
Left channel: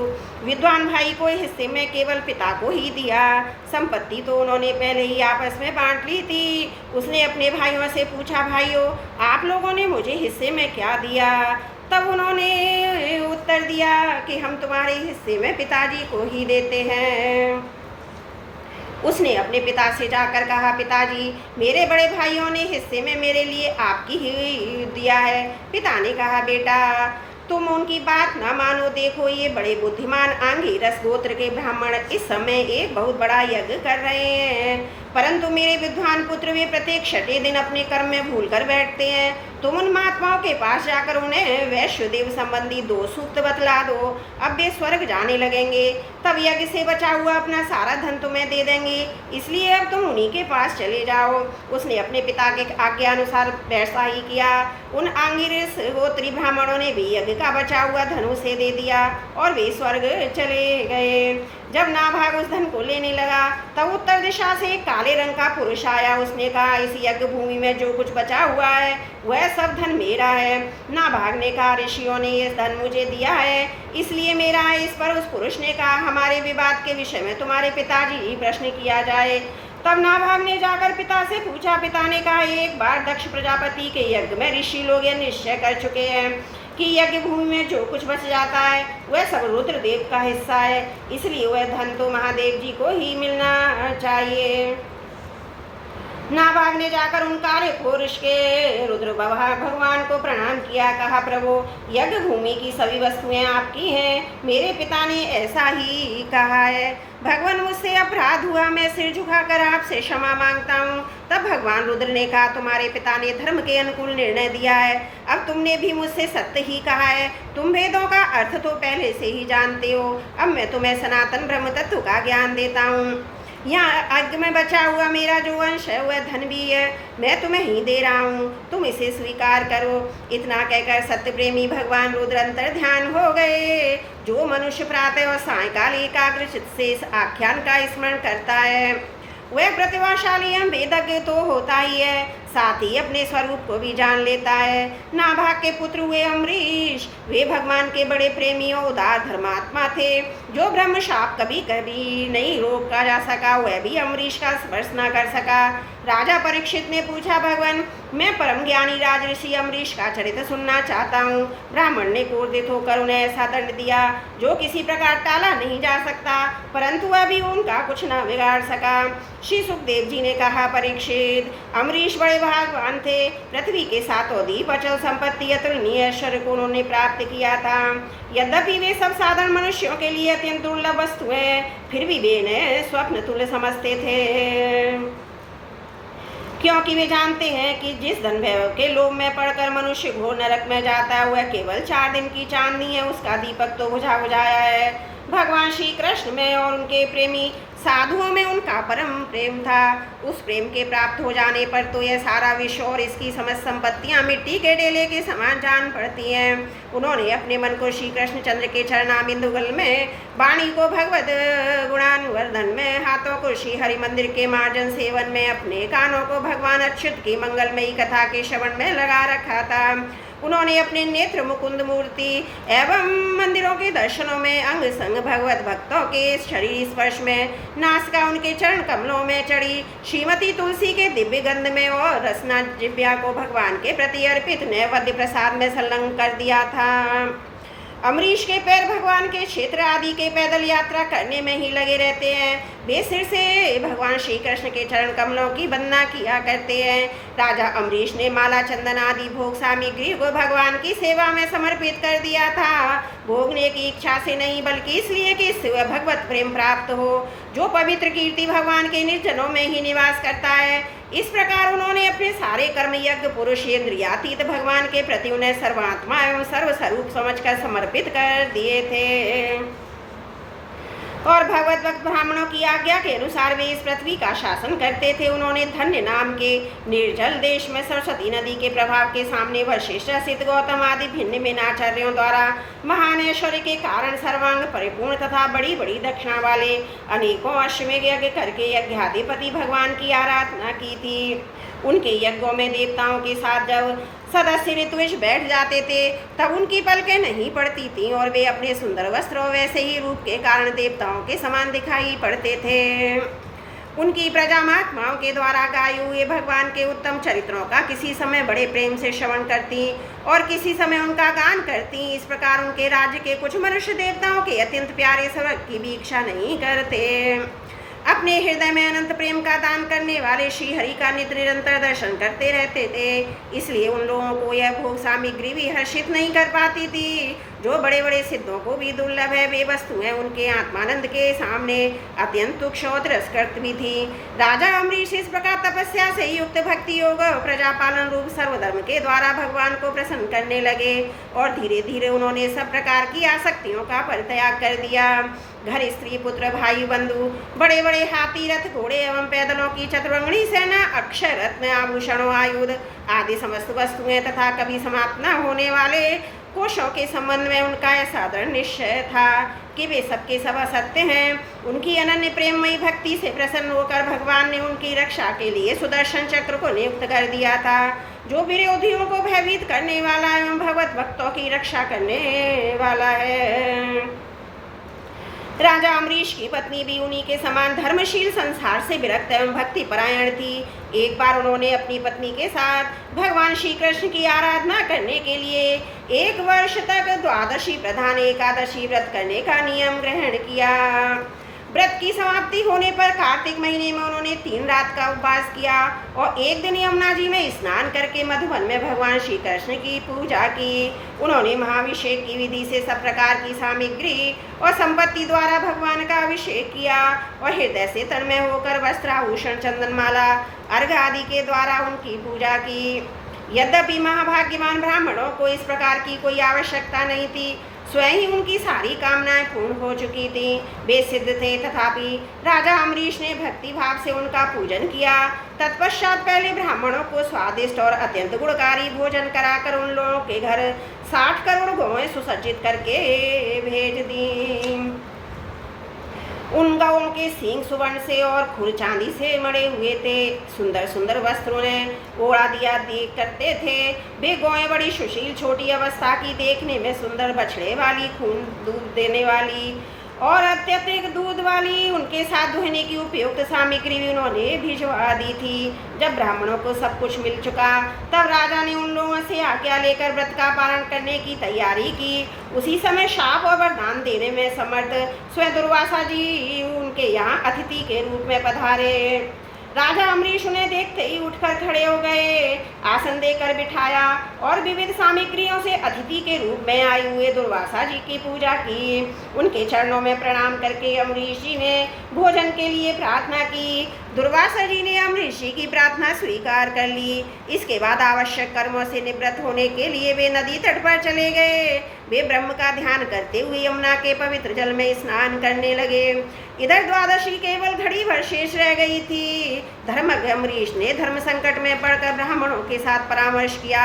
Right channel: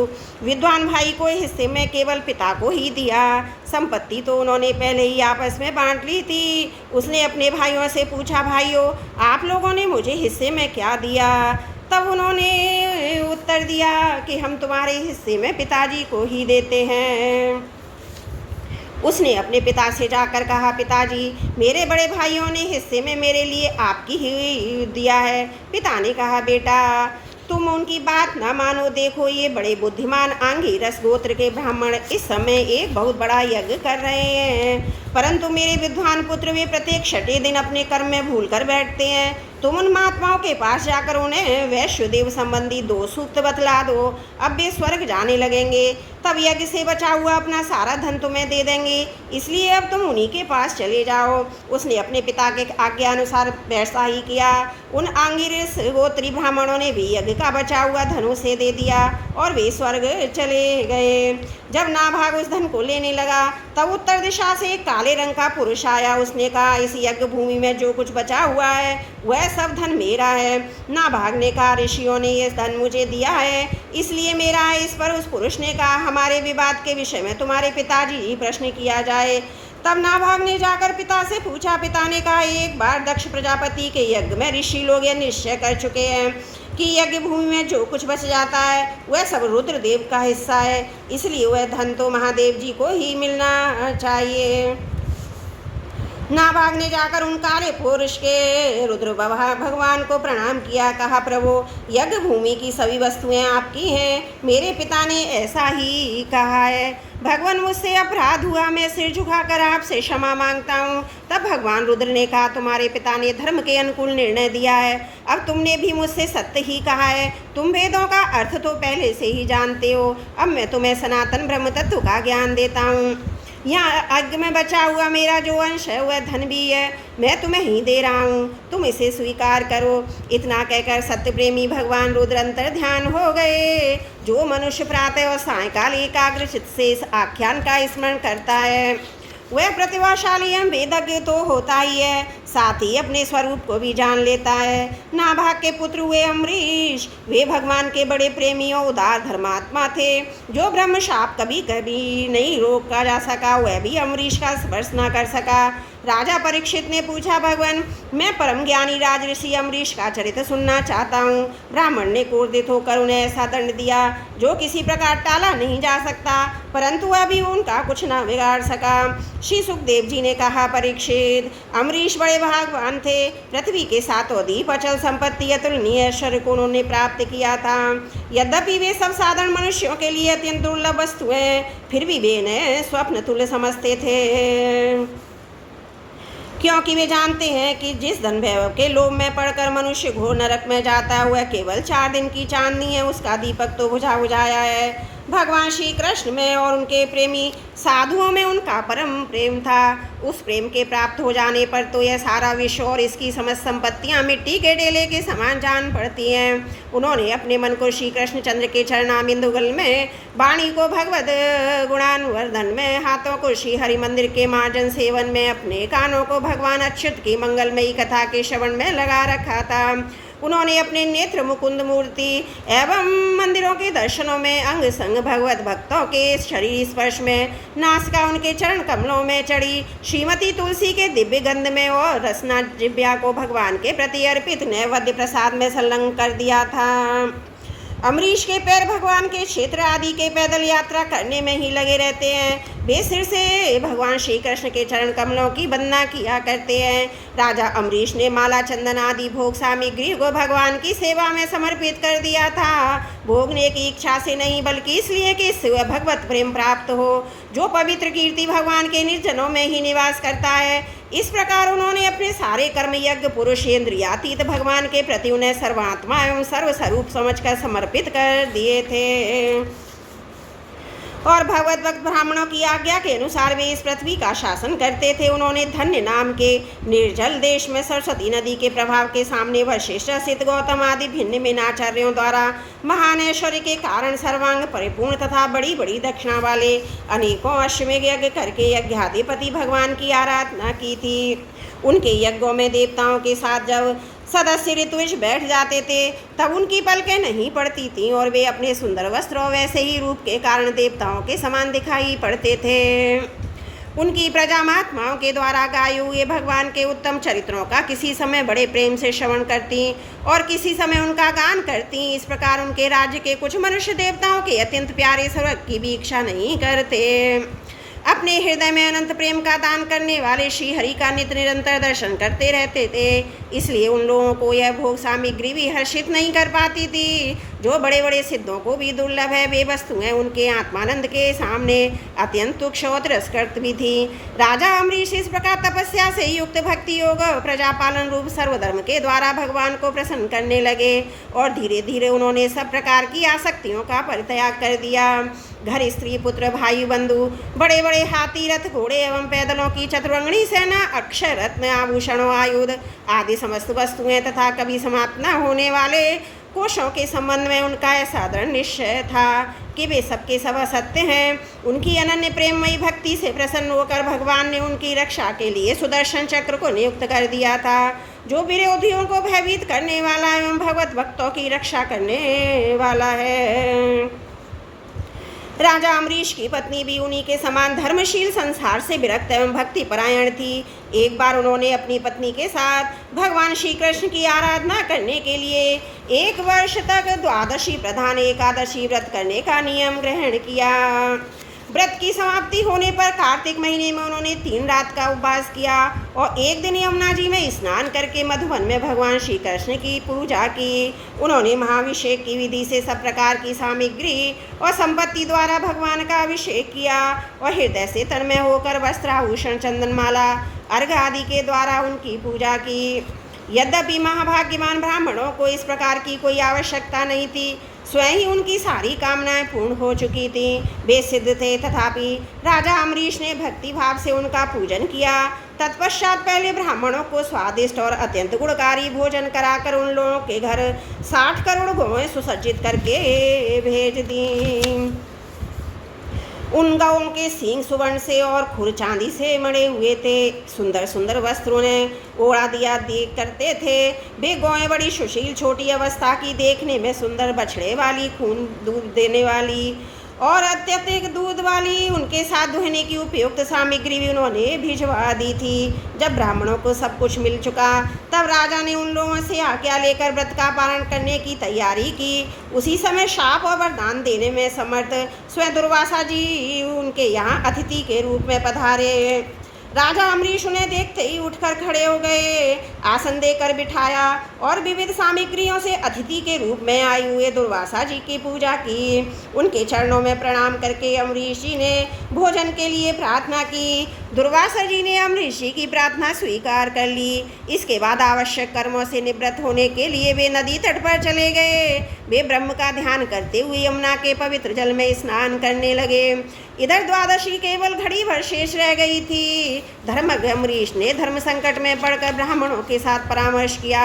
विद्वान भाई को हिस्से में केवल पिता को ही दिया। संपत्ति तो उन्होंने पहले ही आपस में बांट ली थी। उसने अपने भाइयों से पूछा, भाइयों आप लोगों ने मुझे हिस्से में क्या दिया? तब उन्होंने उत्तर दिया कि हम तुम्हारे हिस्से में पिताजी को ही देते हैं। उसने अपने पिता से जाकर कहा, पिताजी मेरे बड़े भाइयों ने हिस्से में मेरे लिए आपकी ही दिया है। पिता ने कहा, बेटा तुम उनकी बात ना मानो। देखो ये बड़े बुद्धिमान आंगिरस गोत्र के ब्राह्मण इस समय एक बहुत बड़ा यज्ञ कर रहे हैं, परंतु मेरे विद्वान पुत्र वे प्रत्येक छठे दिन अपने कर्म में भूल कर बैठते हैं। तुम उन महात्माओं के पास जाकर उन्हें वैश्यदेव संबंधी 2 सूक्त बतला दो। अब वे स्वर्ग जाने लगेंगे, तब यज्ञ से बचा हुआ अपना सारा धन तुम्हें दे देंगे। इसलिए अब तुम उन्हीं के पास चले जाओ। उसने अपने पिता के आज्ञा अनुसार वैसा ही किया। उन आंगिरस गोत्री ब्राह्मणों ने भी यज्ञ का बचा हुआ धन उसे दे दिया और वे स्वर्ग चले गए। जब नाभाग उस धन को लेने लगा तब उत्तर दिशा से एक काले रंग का पुरुष आया। उसने कहा, इस यज्ञ भूमि में जो कुछ बचा हुआ है वह सब धन मेरा है। नाभाग ने कहा, ऋषियों ने ये धन मुझे दिया है इसलिए मेरा है। इस पर उस पुरुष ने कहा, हमारे विवाद के विषय में तुम्हारे पिताजी ही प्रश्न किया जाए। तब नाभाग ने जाकर पिता से पूछा। पिता ने कहा, एक बार दक्ष प्रजापति के यज्ञ में ऋषि लोग यह निश्चय कर चुके हैं कि यज्ञ भूमि में जो कुछ बच जाता है वह सब रुद्रदेव का हिस्सा है, इसलिए वह धन तो महादेव जी को ही मिलना चाहिए। नाभाग ने जाकर उन काले पुरुष के रुद्र भगवान को प्रणाम किया। कहा, प्रभु यज्ञ भूमि की सभी वस्तुएं आपकी हैं। मेरे पिता ने ऐसा ही कहा है। भगवान मुझसे अपराध हुआ, मैं सिर झुकाकर आपसे क्षमा मांगता हूँ। तब भगवान रुद्र ने कहा, तुम्हारे पिता ने धर्म के अनुकूल निर्णय दिया है। अब तुमने भी मुझसे सत्य ही कहा है। तुम वेदों का अर्थ तो पहले से ही जानते हो। अब मैं तुम्हें सनातन ब्रह्म तत्व का ज्ञान देता हूँ। यहाँ यज्ञ में बचा हुआ मेरा जो अंश है वह धन भी है, मैं तुम्हें ही दे रहा हूँ, तुम इसे स्वीकार करो। इतना कहकर सत्य प्रेमी भगवान रुद्र अंतर ध्यान हो गए। जो मनुष्य प्रातः और सायकाल एकाग्र चित्त से इस आख्यान का स्मरण करता है वह प्रतिभाशाली एवं वेदज्ञ तो होता ही है, साथ ही अपने स्वरूप को भी जान लेता है। नाभाग के पुत्र हुए अम्बरीश, वे भगवान के बड़े प्रेमी और उदार धर्मात्मा थे। जो ब्रह्म शाप कभी कभी नहीं रोका जा सका, वह भी अम्बरीश का स्पर्श न कर सका। राजा परीक्षित ने पूछा, भगवान, मैं परम ज्ञानी राजऋषि अम्बरीश का चरित्र सुनना चाहता हूँ। ब्राह्मण ने क्रोधित होकर उन्हें ऐसा दंड दिया जो किसी प्रकार टाला नहीं जा सकता, परंतु वह भी उनका कुछ न बिगाड़ सका। श्री सुखदेव जी ने कहा, परीक्षित, अम्बरीश बड़े भाग्यवान थे। पृथ्वी के सातों द्वीप, अचल संपत्ति, अतुलनीय ऐश्वर्य को उन्होंने प्राप्त किया था। यद्यपि वे सब साधारण मनुष्यों के लिए अत्यंत दुर्लभ वस्तु है, फिर भी वे इन्हें स्वप्न तुल्य समझते थे, क्योंकि वे जानते हैं कि जिस धन वैभव के लोभ में पड़कर मनुष्य घोर नरक में जाता है, वह केवल 4 दिन की चांदनी है, उसका दीपक तो बुझा बुझाया है। भगवान श्री कृष्ण में और उनके प्रेमी साधुओं में उनका परम प्रेम था। उस प्रेम के प्राप्त हो जाने पर तो यह सारा विश्व और इसकी समस्त संपत्तियां मिट्टी के डेले के समान जान पड़ती हैं। उन्होंने अपने मन को श्री कृष्ण चंद्र के चरणाबिंदुगल में, वाणी को भगवत गुणानुवर्धन में, हाथों को श्री हरि मंदिर के मार्जन सेवन में, अपने कानों को भगवान अच्युत की मंगलमयी कथा के श्रवण में लगा रखा था। उन्होंने अपने नेत्र मुकुंद मूर्ति एवं मंदिरों के दर्शनों में, अंग संग भगवत भक्तों के शरीर स्पर्श में, नासिका उनके चरण कमलों में चढ़ी श्रीमती तुलसी के दिव्य गंध में और रसना जिब्या को भगवान के प्रति अर्पित नैवेद्य प्रसाद में संलग्न कर दिया था। अम्बरीश के पैर भगवान के क्षेत्र आदि के पैदल यात्रा करने में ही लगे रहते हैं। वे सिर से भगवान श्री कृष्ण के चरण कमलों की वंदना किया करते हैं। राजा अम्बरीश ने माला चंदन आदि भोग सामग्री को भगवान की सेवा में समर्पित कर दिया था, भोगने की इच्छा से नहीं, बल्कि इसलिए कि इससे वह भगवत प्रेम प्राप्त हो, जो पवित्र कीर्ति भगवान के निर्जनों में ही निवास करता है। इस प्रकार उन्होंने अपने सारे कर्म यज्ञ पुरुष इंद्रियातीत भगवान के प्रति उन्हें सर्वात्मा एवं सर्वस्वरूप समझकर समर्पित कर दिए थे और भगवत भक्त ब्राह्मणों की आज्ञा के अनुसार वे इस पृथ्वी का शासन करते थे। उन्होंने धन्य नाम के निर्जल देश में सरस्वती नदी के प्रभाव के सामने वशिष्ठ, सिद्ध, गौतम आदि भिन्न भिन्न आचार्यों द्वारा महान ऐश्वर्य के कारण सर्वांग परिपूर्ण तथा बड़ी बड़ी दक्षिणा वाले अनेकों अश्वमेध यज्ञ करके यज्ञाधिपति भगवान की आराधना की थी। उनके यज्ञों में देवताओं के साथ जब सदस्य ऋत्विज बैठ जाते थे, तब उनकी पलकें नहीं पड़ती थीं और वे अपने सुंदर वस्त्रों वैसे ही रूप के कारण देवताओं के समान दिखाई पड़ते थे। उनकी प्रजा महात्माओं के द्वारा गाये हुए भगवान के उत्तम चरित्रों का किसी समय बड़े प्रेम से श्रवण करती और किसी समय उनका गान करती। इस प्रकार उनके राज्य के कुछ मनुष्य देवताओं के अत्यंत प्यारे स्वर्ग की भी इच्छा नहीं करते। अपने हृदय में अनंत प्रेम का दान करने वाले श्री हरि का नित्य निरंतर दर्शन करते रहते थे, इसलिए उन लोगों को यह भोग सामग्री भी हर्षित नहीं कर पाती थी, जो बड़े बड़े सिद्धों को भी दुर्लभ है। वे वस्तुएं उनके आत्मानंद के सामने अत्यंत तुक्ष और तिरस्कृत भी थी। राजा अम्बरीश इस प्रकार तपस्या से युक्त भक्ति योग प्रजापालन रूप सर्वधर्म के द्वारा भगवान को प्रसन्न करने लगे और धीरे धीरे उन्होंने सब प्रकार की आसक्तियों का परित्याग कर दिया। घर, स्त्री, पुत्र, भाई, बंधु, बड़े बड़े हाथी, रथ, घोड़े एवं पैदलों की चतुरंगणी सेना, अक्षय रत्न, आभूषणों, आयुध आदि समस्त वस्तुएं तथा कभी समाप्त न होने वाले कोशों के संबंध में उनका ऐसा दृढ़ निश्चय था कि वे सबके सब असत्य हैं। उनकी अनन्य प्रेममयी भक्ति से प्रसन्न होकर भगवान ने उनकी रक्षा के लिए सुदर्शन चक्र को नियुक्त कर दिया था, जो विरोधियों को भयभीत करने वाला एवं भगवत भक्तों की रक्षा करने वाला है। राजा अम्बरीश की पत्नी भी उन्हीं के समान धर्मशील, संसार से विरक्त एवं भक्ति परायण थी। एक बार उन्होंने अपनी पत्नी के साथ भगवान श्री कृष्ण की आराधना करने के लिए 1 वर्ष तक द्वादशी प्रधान एकादशी व्रत करने का नियम ग्रहण किया। व्रत की समाप्ति होने पर कार्तिक महीने में उन्होंने 3 रात का उपवास किया और एक दिन यमुना जी में स्नान करके मधुबन में भगवान श्री कृष्ण की पूजा की। उन्होंने महाभिषेक की विधि से सब प्रकार की सामग्री और संपत्ति द्वारा भगवान का अभिषेक किया और हृदय से तन्मय होकर वस्त्राभूषण, चंदनमाला, अर्घ आदि के द्वारा उनकी पूजा की। यद्यपि महाभाग्यवान ब्राह्मणों को इस प्रकार की कोई आवश्यकता नहीं थी, स्वयं ही उनकी सारी कामनाएं पूर्ण हो चुकी थीं, वे सिद्ध थे, तथापि राजा अम्बरीश ने भक्ति भाव से उनका पूजन किया। तत्पश्चात पहले ब्राह्मणों को स्वादिष्ट और अत्यंत गुणकारी भोजन कराकर उन लोगों के घर 60 करोड़ गौएं सुसज्जित करके भेज दी। उन गौओं के सींग सुवर्ण से और खुर चांदी से मढ़े हुए थे। सुंदर सुंदर वस्त्रों ने ओढ़ा दिया देख करते थे। वे गौएं बड़ी सुशील छोटी अवस्था की, देखने में सुंदर, बछड़े वाली, खून दूध देने वाली और अत्यधिक दूध वाली। उनके साथ दुहने की उपयुक्त सामग्री भी उन्होंने भिजवा दी थी। जब ब्राह्मणों को सब कुछ मिल चुका तब राजा ने उन लोगों से आज्ञा लेकर व्रत का पालन करने की तैयारी की। उसी समय शाप और वरदान देने में समर्थ स्वयं दुर्वासा जी उनके यहाँ अतिथि के रूप में पधारे। राजा अम्बरीश उन्हें देखते ही उठकर खड़े हो गए, आसन देकर बिठाया और विविध सामग्रियों से अतिथि के रूप में आए हुए दुर्वासा जी की पूजा की। उनके चरणों में प्रणाम करके अम्बरीश जी ने भोजन के लिए प्रार्थना की। दुर्वासा जी ने अम्बरीश जी की प्रार्थना स्वीकार कर ली। इसके बाद आवश्यक कर्मों से निवृत्त होने के लिए वे नदी तट पर चले गए। वे ब्रह्म का ध्यान करते हुए यमुना के पवित्र जल में स्नान करने लगे। इधर द्वादशी केवल घड़ी भर शेष रह गई थी। धर्मज्ञ अम्बरीश ने धर्म संकट में पड़कर ब्राह्मणों के साथ परामर्श किया।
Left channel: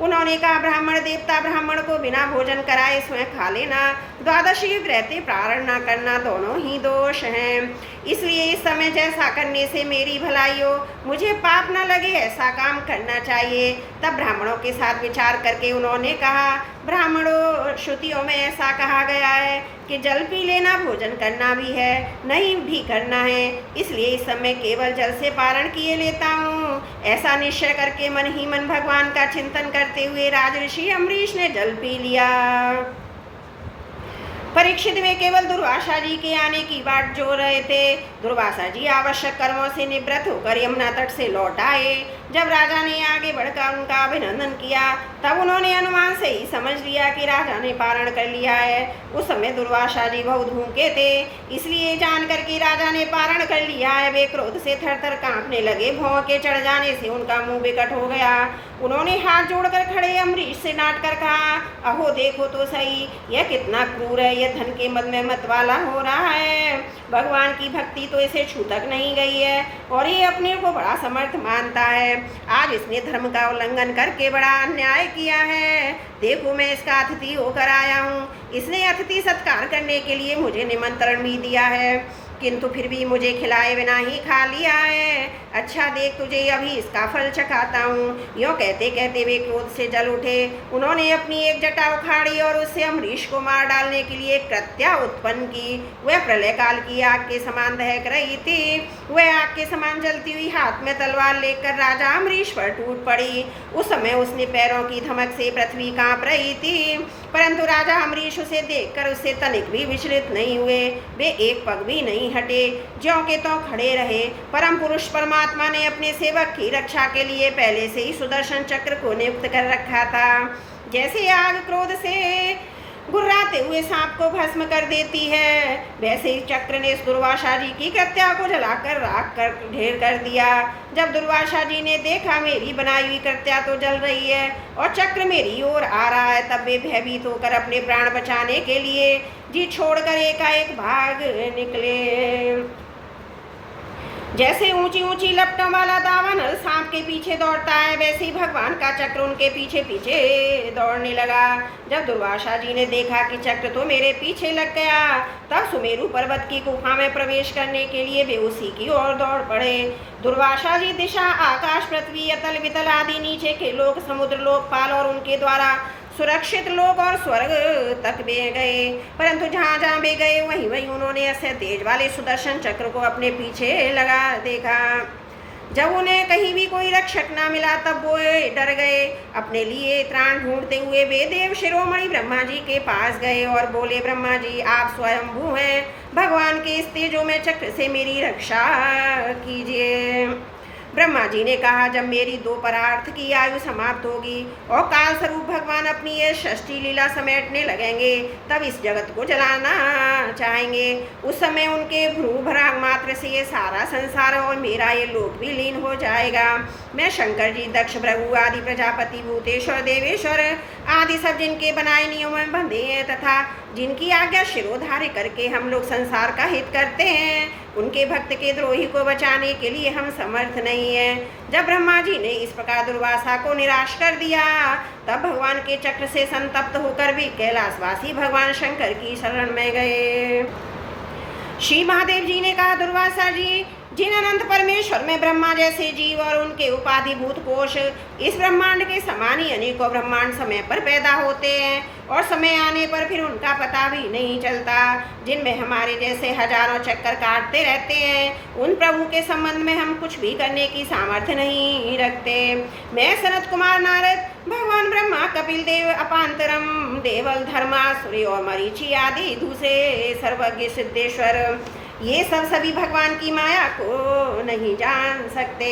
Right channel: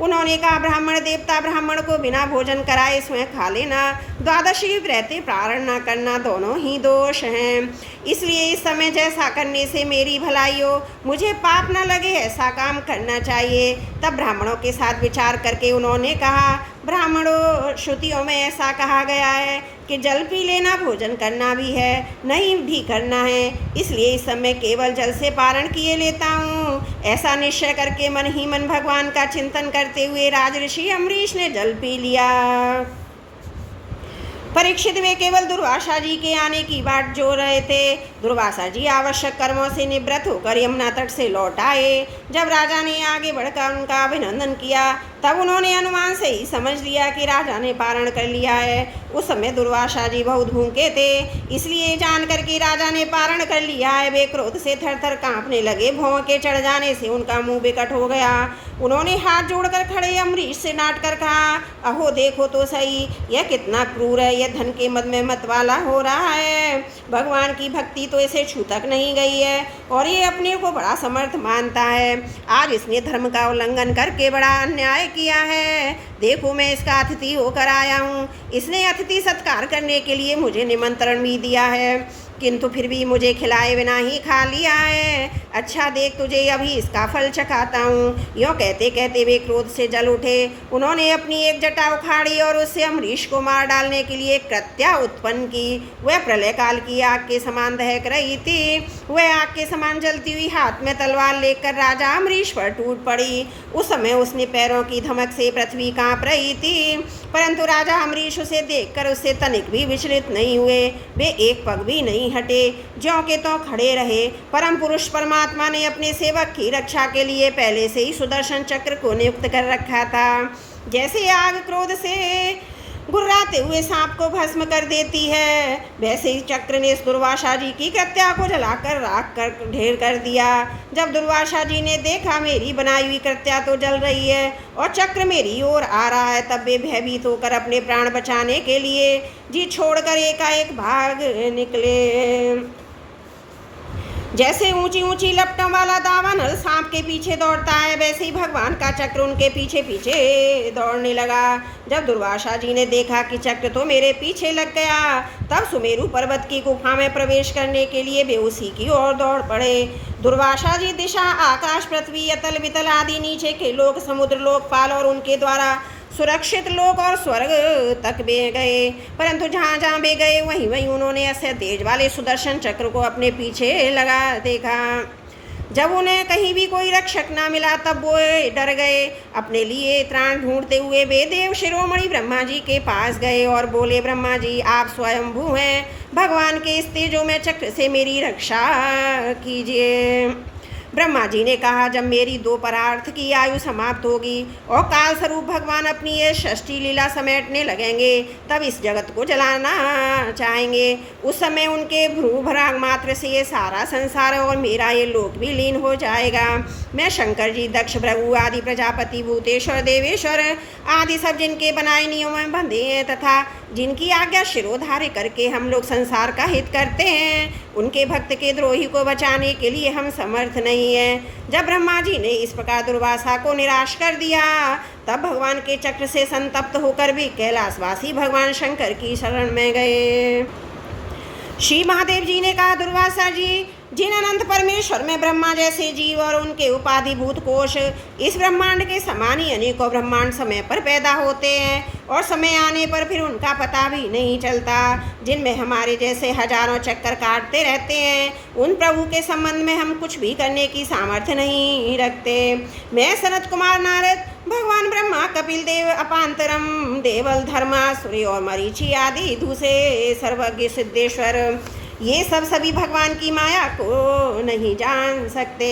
उन्होंने कहा, ब्राह्मण देवता ब्राह्मण को बिना भोजन कराए स्वयं खा लेना, द्वादशी रहते प्रारण न करना, दोनों ही दोष हैं। इसलिए इस समय जैसा करने से मेरी भलाई हो, मुझे पाप न लगे, ऐसा काम करना चाहिए। तब ब्राह्मणों के साथ विचार करके उन्होंने कहा, ब्राह्मणों, श्रुतियों में ऐसा कहा गया है कि जल पी लेना भोजन करना भी है, नहीं भी करना है। इसलिए इस समय केवल जल से पारण किए लेता हूँ। ऐसा निश्चय करके मन ही मन भगवान का चिंतन करते हुए राजऋषि अम्बरीश ने जल पी लिया। परीक्षित वे केवल दुर्वासा जी के आने की बाट जो रहे थे। दुर्वासा जी आवश्यक कर्मों से निवृत्त होकर यमुना तट से लौट आए। जब राजा ने आगे बढ़कर उनका अभिनंदन किया तब उन्होंने अनुमान से ही समझ लिया कि राजा ने पारण कर लिया है। उस समय दुर्वासा जी बहुत भूखे थे, इसलिए जानकर कि राजा ने पारण कर लिया है वे क्रोध से थर थर कांपने लगे। भौं के चढ़ जाने से उनका मुंह विकट हो गया। उन्होंने हाथ जोड़कर खड़े अम्बरीश से डांट कर कहा, अहो देखो तो सही, यह कितना क्रूर है, यह धन के मद में मतवाला हो रहा है। भगवान की भक्ति तो इसे छू तक नहीं गई है और ये अपने को बड़ा समर्थ मानता है। आज इसने धर्म का उल्लंघन करके बड़ा अन्याय किया है। देखो मैं इसका अतिथि होकर आया हूँ। इसने अतिथि सत्कार करने के लिए मुझे निमंत्रण भी दिया है, किंतु फिर भी मुझे खिलाए बिना ही खा लिया है। अच्छा देख, तुझे अभी इसका फल चखाता हूँ। यूँ कहते कहते वे क्रोध से जल उठे। उन्होंने अपनी एक जटा उखाड़ी और उससे अम्बरीश को मार डालने के लिए कृत्या उत्पन्न की। वह प्रलय काल की आग के समान दहक रही थी। वह आग के समान जलती हुई हाथ में तलवार लेकर राजा अम्बरीश पर टूट पड़ी। उस समय उसने पैरों की धमक से पृथ्वी कांप रही थी, परंतु राजा अम्बरीश उसे देखकर उससे तनिक भी विचलित नहीं हुए। वे एक पग भी नहीं हटे, ज्यों के त्यों खड़े रहे। परम पुरुष परमात्मा ने अपने सेवक की रक्षा के लिए पहले से ही सुदर्शन चक्र को नियुक्त कर रखा था। जैसे आग क्रोध से गुर्राते हुए सांप को भस्म कर देती है, वैसे ही चक्र ने इस दुर्वासा जी की कृत्या को जलाकर राख कर ढेर कर दिया। जब दुर्वासा जी ने देखा मेरी बनाई हुई कृत्या तो जल रही है और चक्र मेरी ओर आ रहा है, तब वे भयभीत होकर अपने प्राण बचाने के लिए जी छोड़कर एकाएक भाग निकले। जैसे ऊंची ऊंची लपटों वाला दावानल सांप के पीछे दौड़ता है, वैसे ही भगवान का चक्र उनके पीछे पीछे दौड़ने लगा। जब दुर्वासा जी ने देखा कि चक्र तो मेरे पीछे लग गया, तब सुमेरु पर्वत की गुफा में प्रवेश करने के लिए वे उसी की ओर दौड़ पड़े। दुर्वासा जी दिशा, आकाश, पृथ्वी, अतल वितल आदि नीचे के लोक, समुद्र, लोकपाल और उनके द्वारा सुरक्षित लोक और स्वर्ग तक वे गए, परंतु जहाँ जहाँ वे गए वहीं वहीं उन्होंने ऐसे तेज वाले सुदर्शन चक्र को अपने पीछे लगा देखा। जब उन्हें कहीं भी कोई रक्षक ना मिला तब वो डर गए। अपने लिए त्राण ढूंढते हुए वे देव शिरोमणि ब्रह्मा जी के पास गए और बोले, ब्रह्मा जी आप स्वयंभू हैं, भगवान के इस तेजो में चक्र से मेरी रक्षा कीजिए। ब्रह्मा जी ने कहा, जब मेरी दो परार्थ की आयु समाप्त होगी और काल स्वरूप भगवान अपनी ये षष्ठी लीला समेटने लगेंगे, तब इस जगत को जलाना चाहेंगे। उस समय उनके भ्रूभराग मात्र से ये सारा संसार और मेरा ये लोक भी लीन हो जाएगा। मैं शंकर जी, दक्ष, भृगु आदि प्रजापति, भूतेश्वर, देवेश्वर आदि सब जिनके बनाए नियमों में बंधे हैं तथा जिनकी आज्ञा शिरोधार्य करके हम लोग संसार का हित करते हैं, उनके भक्त के द्रोही को बचाने के लिए हम समर्थ नहीं हैं। जब ब्रह्मा जी ने इस प्रकार दुर्वासा को निराश कर दिया, तब भगवान के चक्र से संतप्त होकर भी कैलाशवासी भगवान शंकर की शरण में गए। श्री महादेव जी ने कहा, दुर्वासा जी, जिन अनंत परमेश्वर में ब्रह्मा जैसे जीव और उनके उपाधिभूत कोश इस ब्रह्मांड के समान ही अनेकों ब्रह्मांड समय पर पैदा होते हैं और समय आने पर फिर उनका पता भी नहीं चलता, जिनमें हमारे जैसे हजारों चक्कर काटते रहते हैं, उन प्रभु के संबंध में हम कुछ भी करने की सामर्थ्य नहीं रखते। मैं सनत कुमार नारद, भगवान ब्रह्मा, कपिल देव, अपांतरम, देवल, धर्मा, सूर्य और मरीचि आदि दूसरे सर्वज्ञ सिद्धेश्वर, ये सब सभी भगवान की माया को नहीं जान सकते,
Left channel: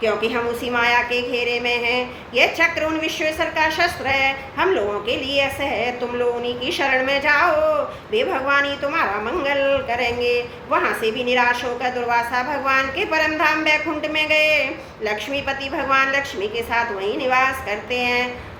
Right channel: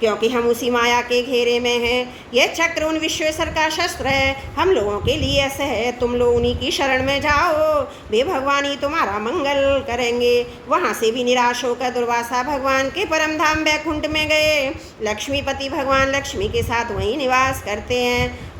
क्योंकि हम उसी माया के घेरे में हैं। यह चक्र उन विश्वेश्वर का शस्त्र है, हम लोगों के लिए ऐसा है, तुम लोग उन्हीं की शरण में जाओ, वे भगवान ही तुम्हारा मंगल करेंगे। वहाँ से भी निराश होकर दुर्वासा भगवान के परम धाम वैकुंठ में गए। लक्ष्मीपति भगवान लक्ष्मी के साथ वहीं निवास करते हैं।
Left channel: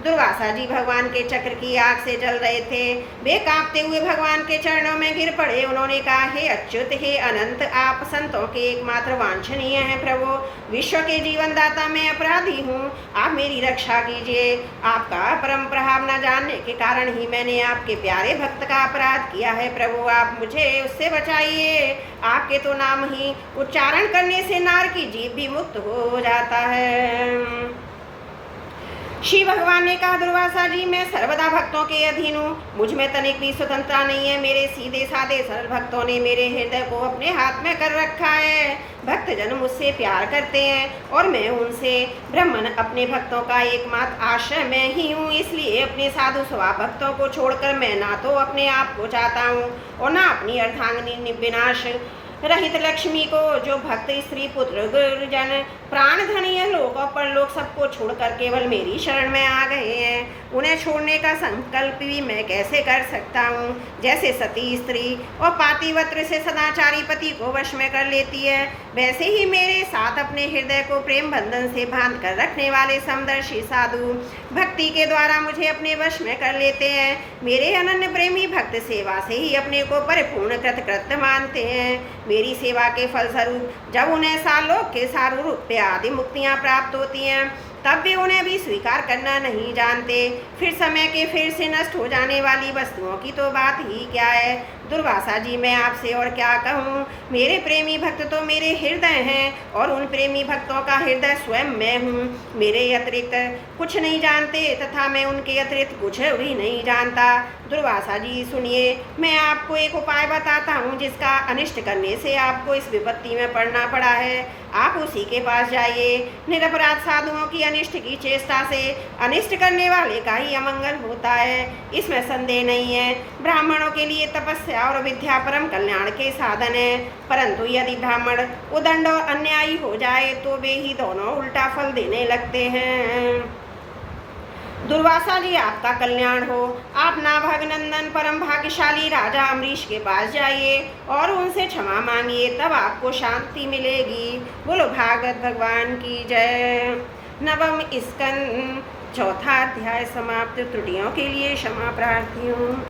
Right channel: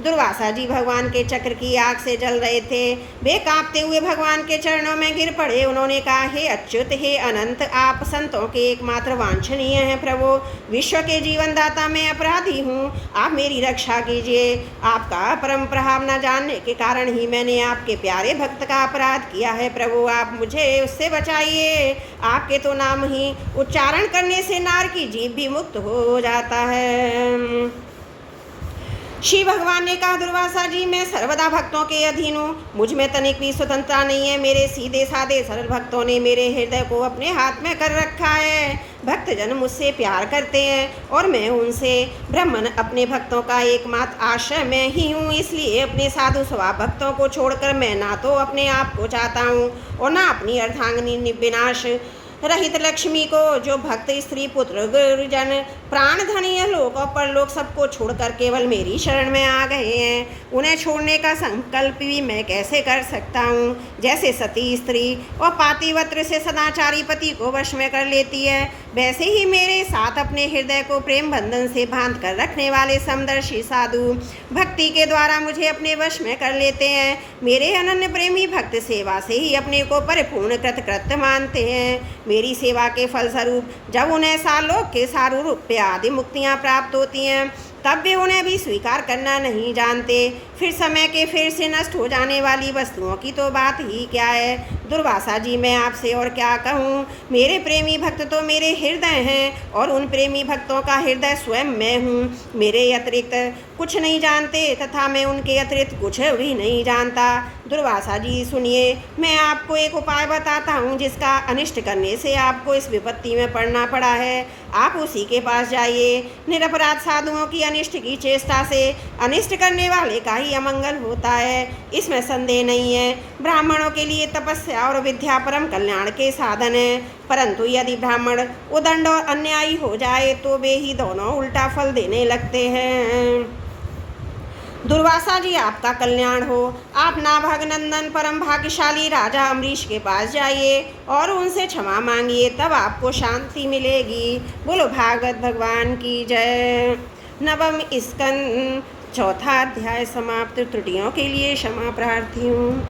दुर्वासा जी भगवान के चक्र की आग से जल रहे थे। वे कांपते हुए भगवान के चरणों में गिर पड़े। उन्होंने कहा, हे अच्युत, हे अनंत, आप संतों के एकमात्र वांछनीय हैं प्रभु। विश्व के जीवन दाता मैं अपराधी हूँ, आप मेरी रक्षा कीजिए। आपका परम प्रभाव न जानने के कारण ही मैंने आपके प्यारे भक्त का अपराध किया है प्रभु, आप मुझे उससे बचाइए। आपके तो नाम ही उच्चारण करने से नार की जीभ भी मुक्त हो जाता है। श्री भगवान ने कहा, दुर्वासा जी, मैं सर्वदा भक्तों के अधीन हूँ, मुझ में तनिक भी स्वतंत्रता नहीं है। मेरे सीधे साधे सरल भक्तों ने मेरे हृदय को अपने हाथ में कर रखा है। भक्तजन मुझसे प्यार करते हैं और मैं उनसे। ब्राह्मण अपने भक्तों का एकमात्र आश्रय मैं ही हूँ, इसलिए अपने साधु स्वभाव भक्तों को छोड़कर मैं ना तो अपने आप को चाहता हूँ और ना अपनी अर्धांगिनी विनाश रहित लक्ष्मी को, जो भक्त स्त्री पुत्र गुरुजन प्राण धनीय लोक और परलोक सबको छोड़कर केवल मेरी शरण में आ गए हैं, उन्हें छोड़ने का संकल्प भी मैं कैसे कर सकता हूँ। जैसे सती स्त्री और पातिव्रत से सदाचारी पति को वश में कर लेती है, वैसे ही मेरे साथ अपने हृदय को प्रेम बंधन से बांध कर रखने वाले समदर्शी साधु भक्ति के द्वारा मुझे अपने वश में कर लेते हैं। मेरे अनन्य प्रेमी भक्त सेवा से ही अपने को परिपूर्ण कृतकृत्य मानते हैं। मेरी सेवा के फलस्वरूप जब उन्हें सालोक के सारूप्य आदि मुक्तियाँ प्राप्त होती हैं, तब वे उन्हें भी स्वीकार करना नहीं जानते। फिर समय के फिर से नष्ट हो जाने वाली वस्तुओं की तो बात ही क्या है। दुर्वासा जी, मैं आपसे और क्या कहूँ। मेरे प्रेमी भक्त तो मेरे हृदय हैं और उन प्रेमी भक्तों का हृदय स्वयं मैं हूँ। मेरे अतिरिक्त कुछ नहीं जानते तथा मैं उनके अतिरिक्त कुछ भी नहीं जानता। दुर्वासा जी सुनिए, मैं आपको एक उपाय बताता हूँ जिसका अनिष्ट करने से आपको इस विपत्ति में पड़ना पड़ा है। आप उसी के पास जाइए। निरपराध साधुओं की अनिष्ट की चेष्टा से अनिष्ट करने वाले का ही अमंगल होता है, इसमें संदेह नहीं है। ब्राह्मणों के लिए तपस्या और विद्या परम कल्याण के साधन है, परंतु यदि ब्राह्मण उदंड और अन्यायी हो जाए तो वे ही दोनों उल्टा फल देने लगते हैं। दुर्वासा जी, आपका कल्याण हो। आप नाभाग नंदन परम भाग्यशाली राजा अम्बरीश के पास जाइए और उनसे क्षमा मांगिए, तब आपको शांति मिलेगी। बोलो भागवत भगवान की जय। नवम स्कंद चौथा अध्याय समाप्त। त्रुटियों के लिए क्षमा प्रार्थी हूँ।